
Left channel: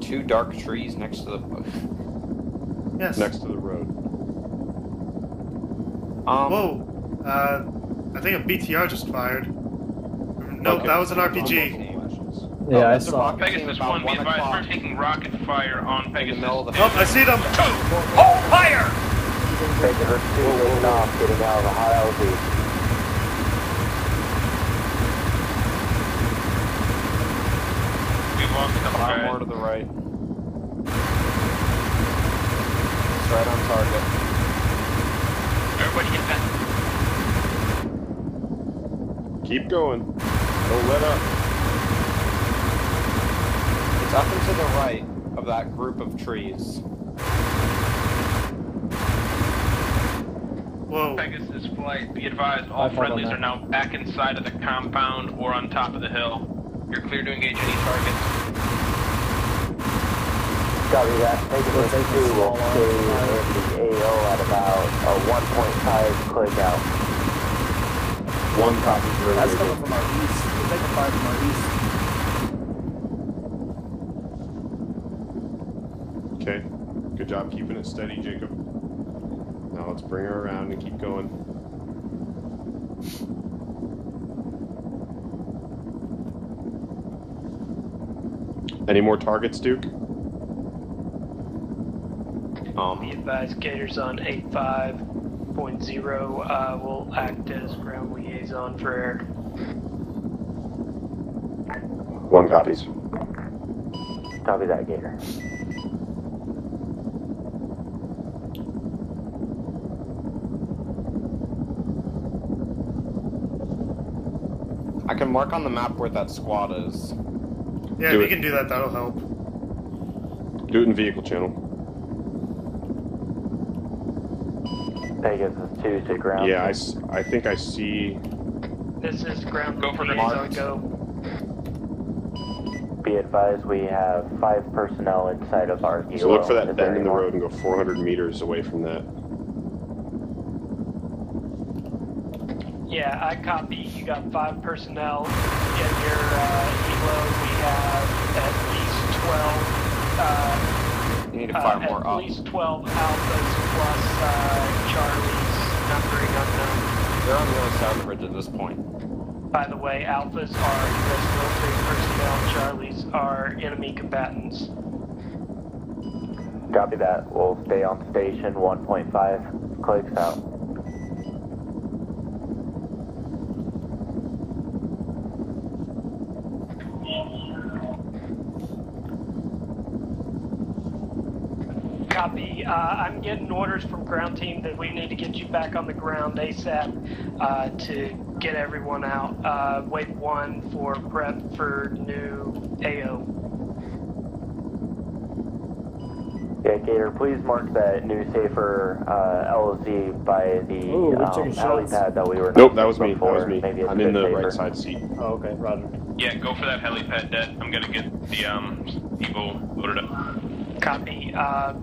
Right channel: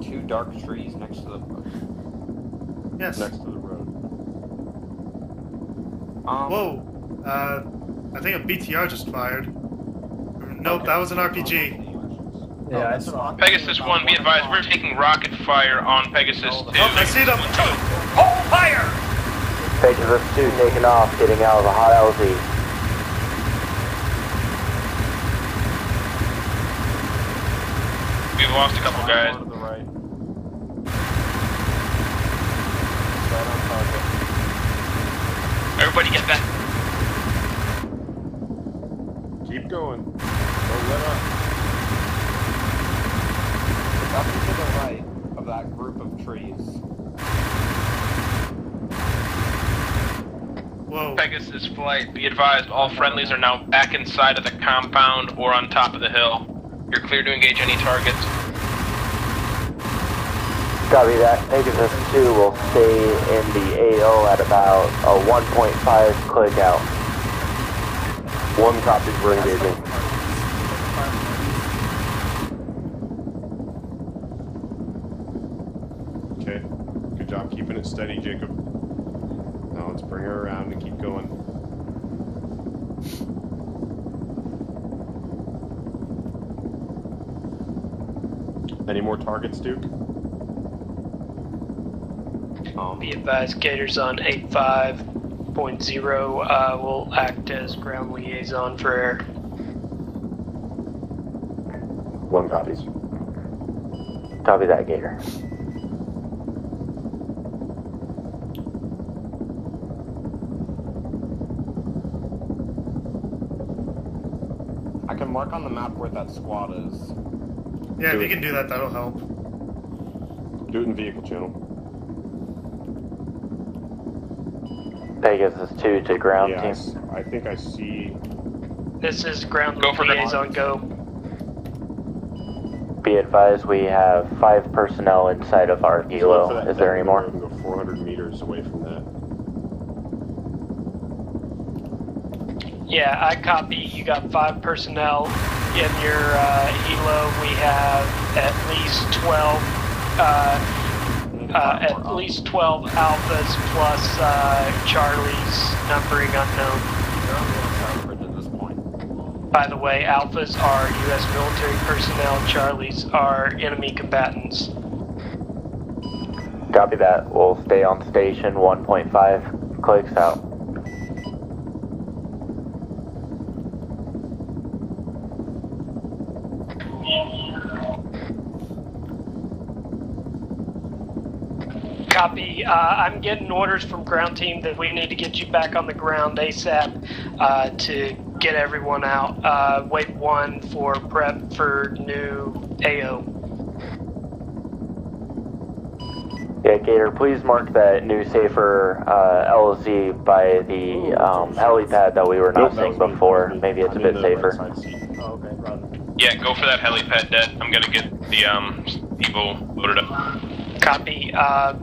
Two dark trees next to the... Yes. Next to the road. Whoa. I think a BTR just fired. Nope, that was an RPG. Yeah, I saw. Pegasus 1, be advised, we're taking rocket fire on Pegasus 2. Oh, I see them! Hold fire! Pegasus 2 taking off, getting out of the hot LZ. We've lost a couple guys. More to the right. Everybody get back. Keep going. Right of that group of trees. Whoa. Pegasus flight, be advised, all friendlies are now back inside of the compound or on top of the hill. You're clear to engage any targets. Copy that. Pegasus 2 will stay in the AO at about a 1.5 click out. One copy for Okay. Good job keeping it steady, Jacob. Now let's bring her around and keep going. Any more targets, Duke? Be advised, Gators on 85.0 will act as ground liaison for air. One copies. Copy that, Gator. I can mark on the map where that squad is. Yeah, if you can do that, that'll help. Do it in vehicle channel. Pegasus 2 to ground. Yeah, I think I see... This is ground Go for liaison, go. Be advised, we have 5 personnel inside of our So look for helo. that Is there bend any in the more? road and go 400 meters away from that. Yeah, I copy. You got 5 personnel in your helo. We have at least 12 alphas plus Charlie's numbering unknown. At this point. By the way, alphas are US military personnel. Charlies are enemy combatants. Copy that. We'll stay on station. 1.5 clicks out. Copy. I'm getting orders from ground team that we need to get you back on the ground ASAP to get everyone out. Wave 1 for prep for new AO. Yeah, Gator, please mark that new safer LZ by the helipad that we were not seeing before. Maybe it's a bit safer. Oh, okay, roger. Yeah, go for that helipad, Dead. I'm gonna get the Evo loaded up. Copy.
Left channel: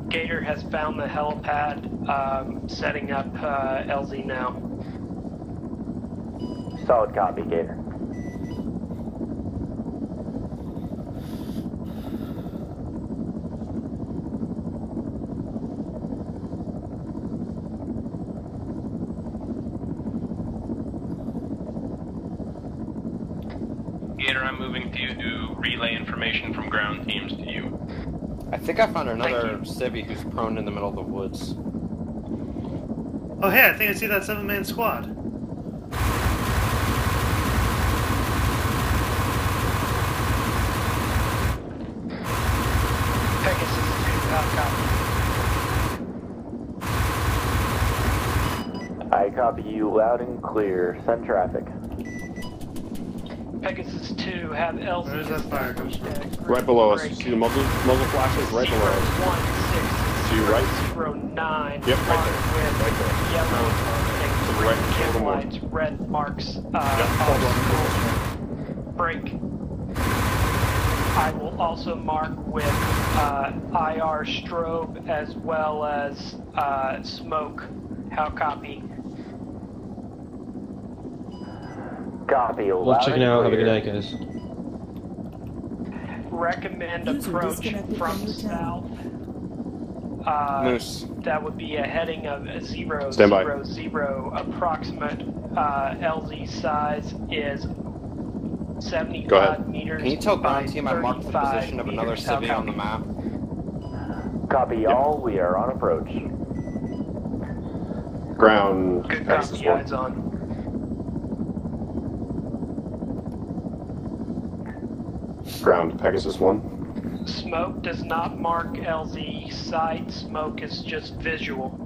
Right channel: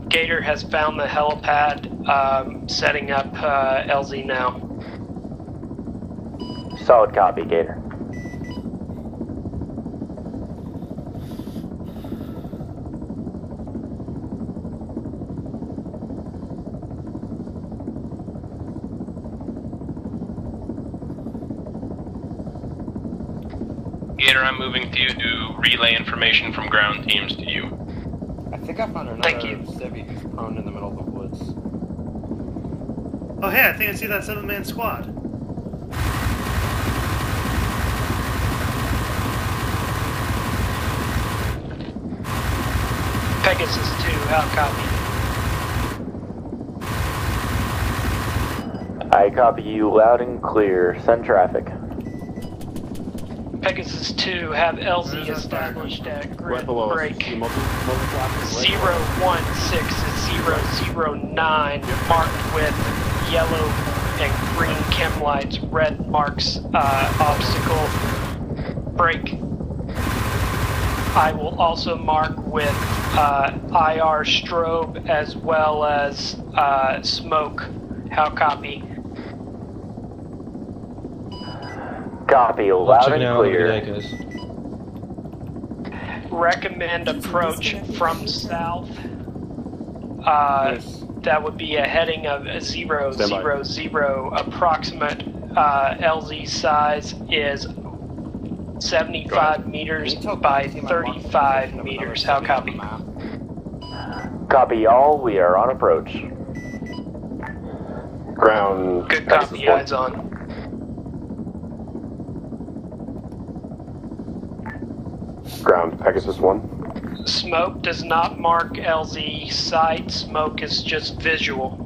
Gator has found the helipad, setting up LZ now. Solid copy, Gator. Gator, I'm moving to you to relay information from ground teams to you. I think I found another civvy who's prone in the middle of the woods. Oh, hey, I think I see that 7-man squad. Pegasus 2, out copy. I copy you loud and clear. Send traffic. Pegasus 2, have LZ Where's that fire coming from? Right below us. break. See the muzzle? Right 01609 marked with yellow and green chem lights, red marks obstacle break. I will also mark with IR strobe as well as smoke How copy? Copy. Well, checking out. Have a good night, guys. Recommend User approach disconnected from from your channel. south. That would be a heading of 000. Approximate LZ size is 75 meters by 35 meters. How copy? Copy, y'all. We are on approach. Ground. Good copy. Eyes on. Ground. Pegasus 1. Smoke does not mark LZ site. Smoke is just visual.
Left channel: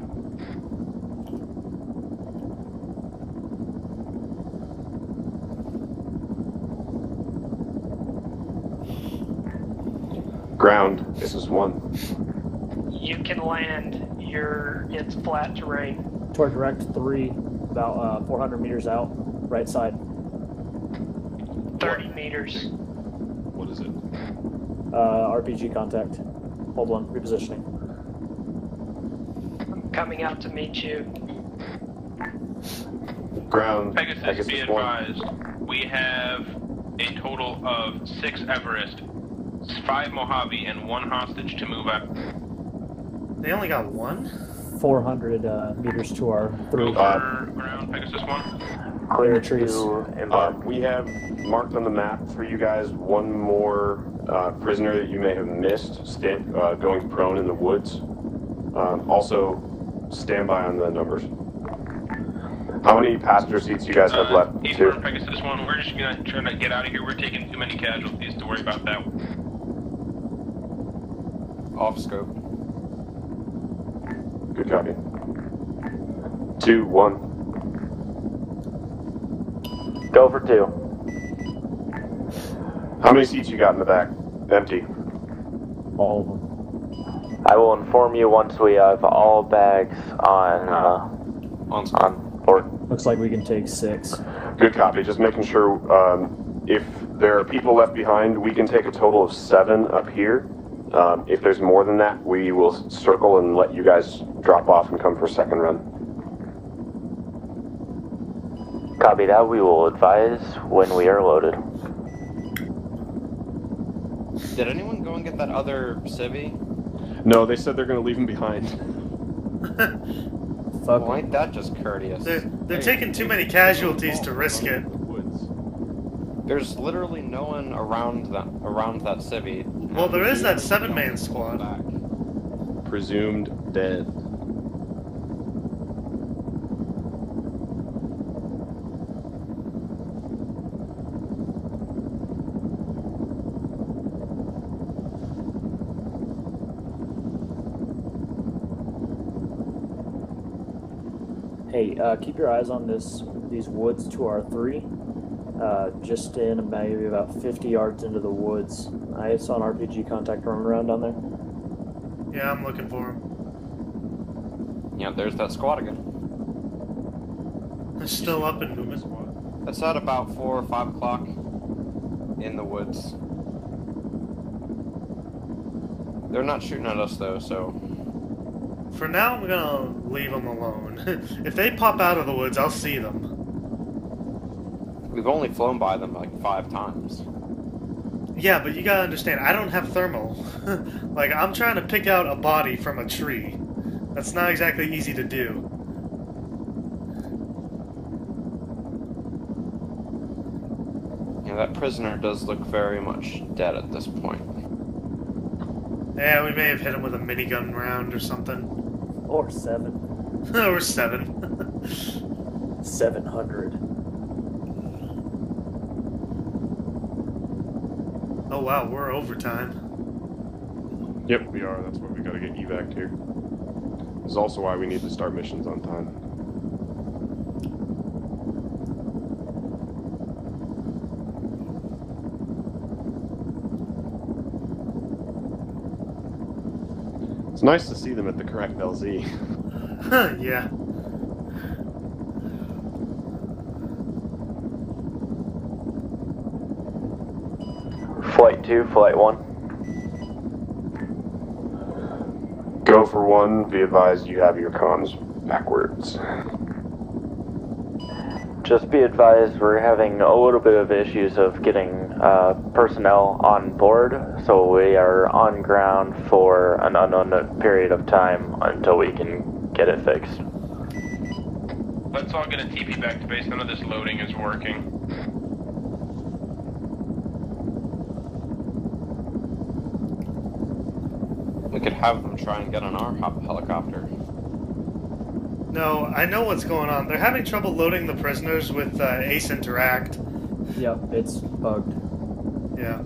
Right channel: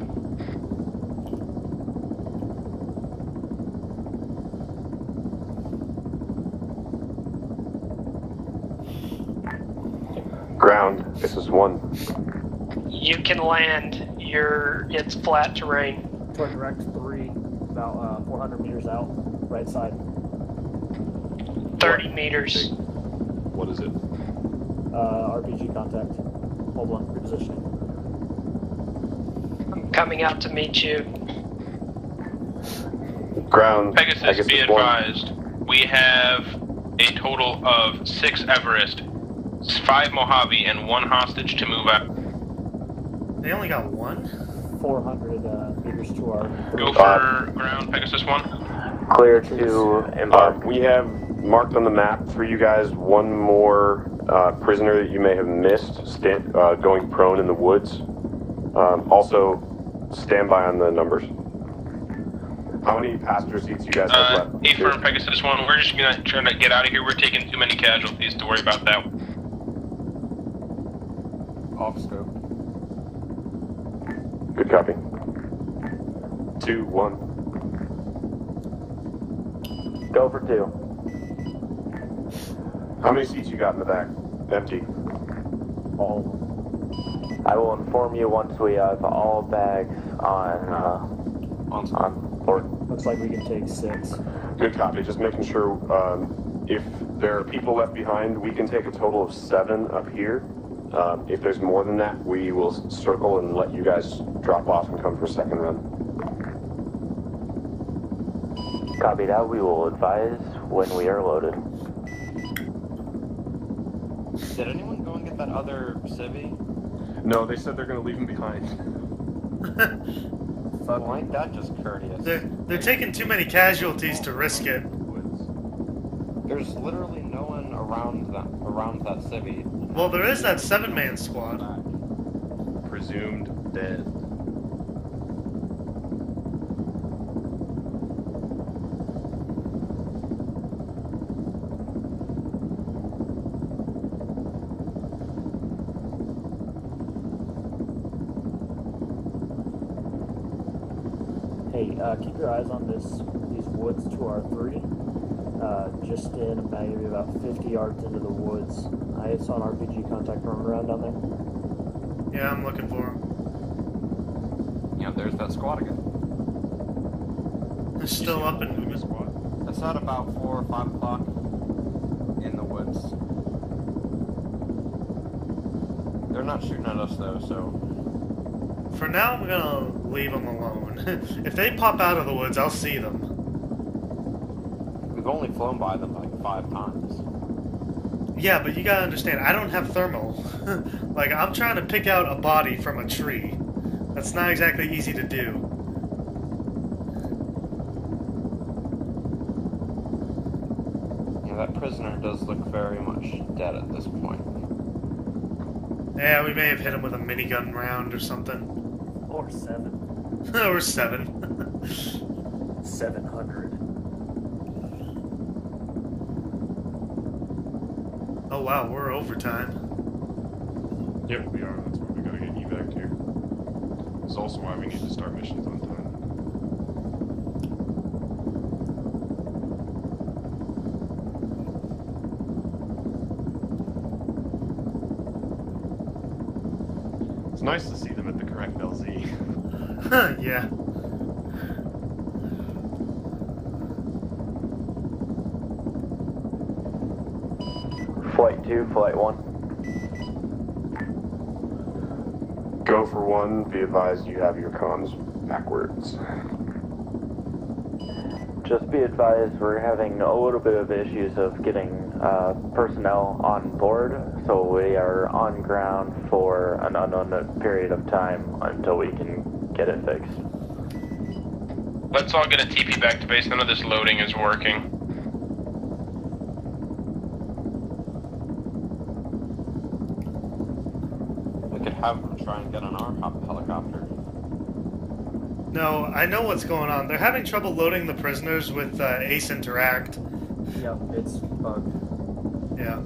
Ground. Pegasus 1. You can land. It's flat terrain. Toward direct 3, about 400 meters out, right side. 30 meters. What is it? RPG contact. Hold on, repositioning. I'm coming out to meet you. Ground. Pegasus, be advised. We have a total of 6 Everest, 5 Mojave, and 1 hostage to move out. They only got 1? 400 meters to our 3. Go for ground, Pegasus 1. Clear to embark. We have marked on the map for you guys one more prisoner that you may have missed, going prone in the woods. Also, stand by on the numbers. How many passenger seats you guys have left? A-firm, Pegasus 1, we're just gonna try to get out of here. We're taking too many casualties to worry about that. Off scope. Good copy. 2, 1. Go for 2. How many seats you got in the back? Empty. All. I will inform you once we have all bags on board. Looks like we can take 6. Good copy. Just making sure if there are people left behind, we can take a total of 7 up here. If there's more than that, we will circle and let you guys drop off and come for a second run. Copy that. We will advise when we are loaded. Did anyone go and get that other civvy? No, they said they're going to leave him behind. Fuck. Why ain't that just courteous? They're taking too many casualties to risk it. There's literally no one around that civvy. Well, there is that 7-man squad. Presumed dead. Hey, keep your eyes on these woods to our 3. Just in maybe about 50 yards into the woods. I saw an RPG contact roaming around down there. Yeah, I'm looking for him. Yeah, there's that squad again. They're still up and moving. It's at about 4 or 5 o'clock in the woods. They're not shooting at us though, so... For now, I'm gonna leave them alone. If they pop out of the woods, I'll see them. We've only flown by them like 5 times. Yeah, but you gotta understand, I don't have thermal. Like, I'm trying to pick out a body from a tree. That's not exactly easy to do. Yeah, that prisoner does look very much dead at this point. Yeah, we may have hit him with a minigun round or something. Or 7. Or 7. 700. Oh wow, we're overtime. Yep, we are. That's why we gotta get evac here. This is also why we need to start missions on time. It's nice to see them at the correct LZ. Yeah. Flight 2, Flight 1. Go for 1. Be advised you have your comms backwards. Just be advised, we're having a little bit of issues of getting personnel on board, so we are on ground for an unknown period of time until we can get it fixed. Let's all get a TP back to base. None of this loading is working. We could have them try and get on our helicopter. No, I know what's going on. They're having trouble loading the prisoners with Ace Interact. Yep, it's bugged. Yeah.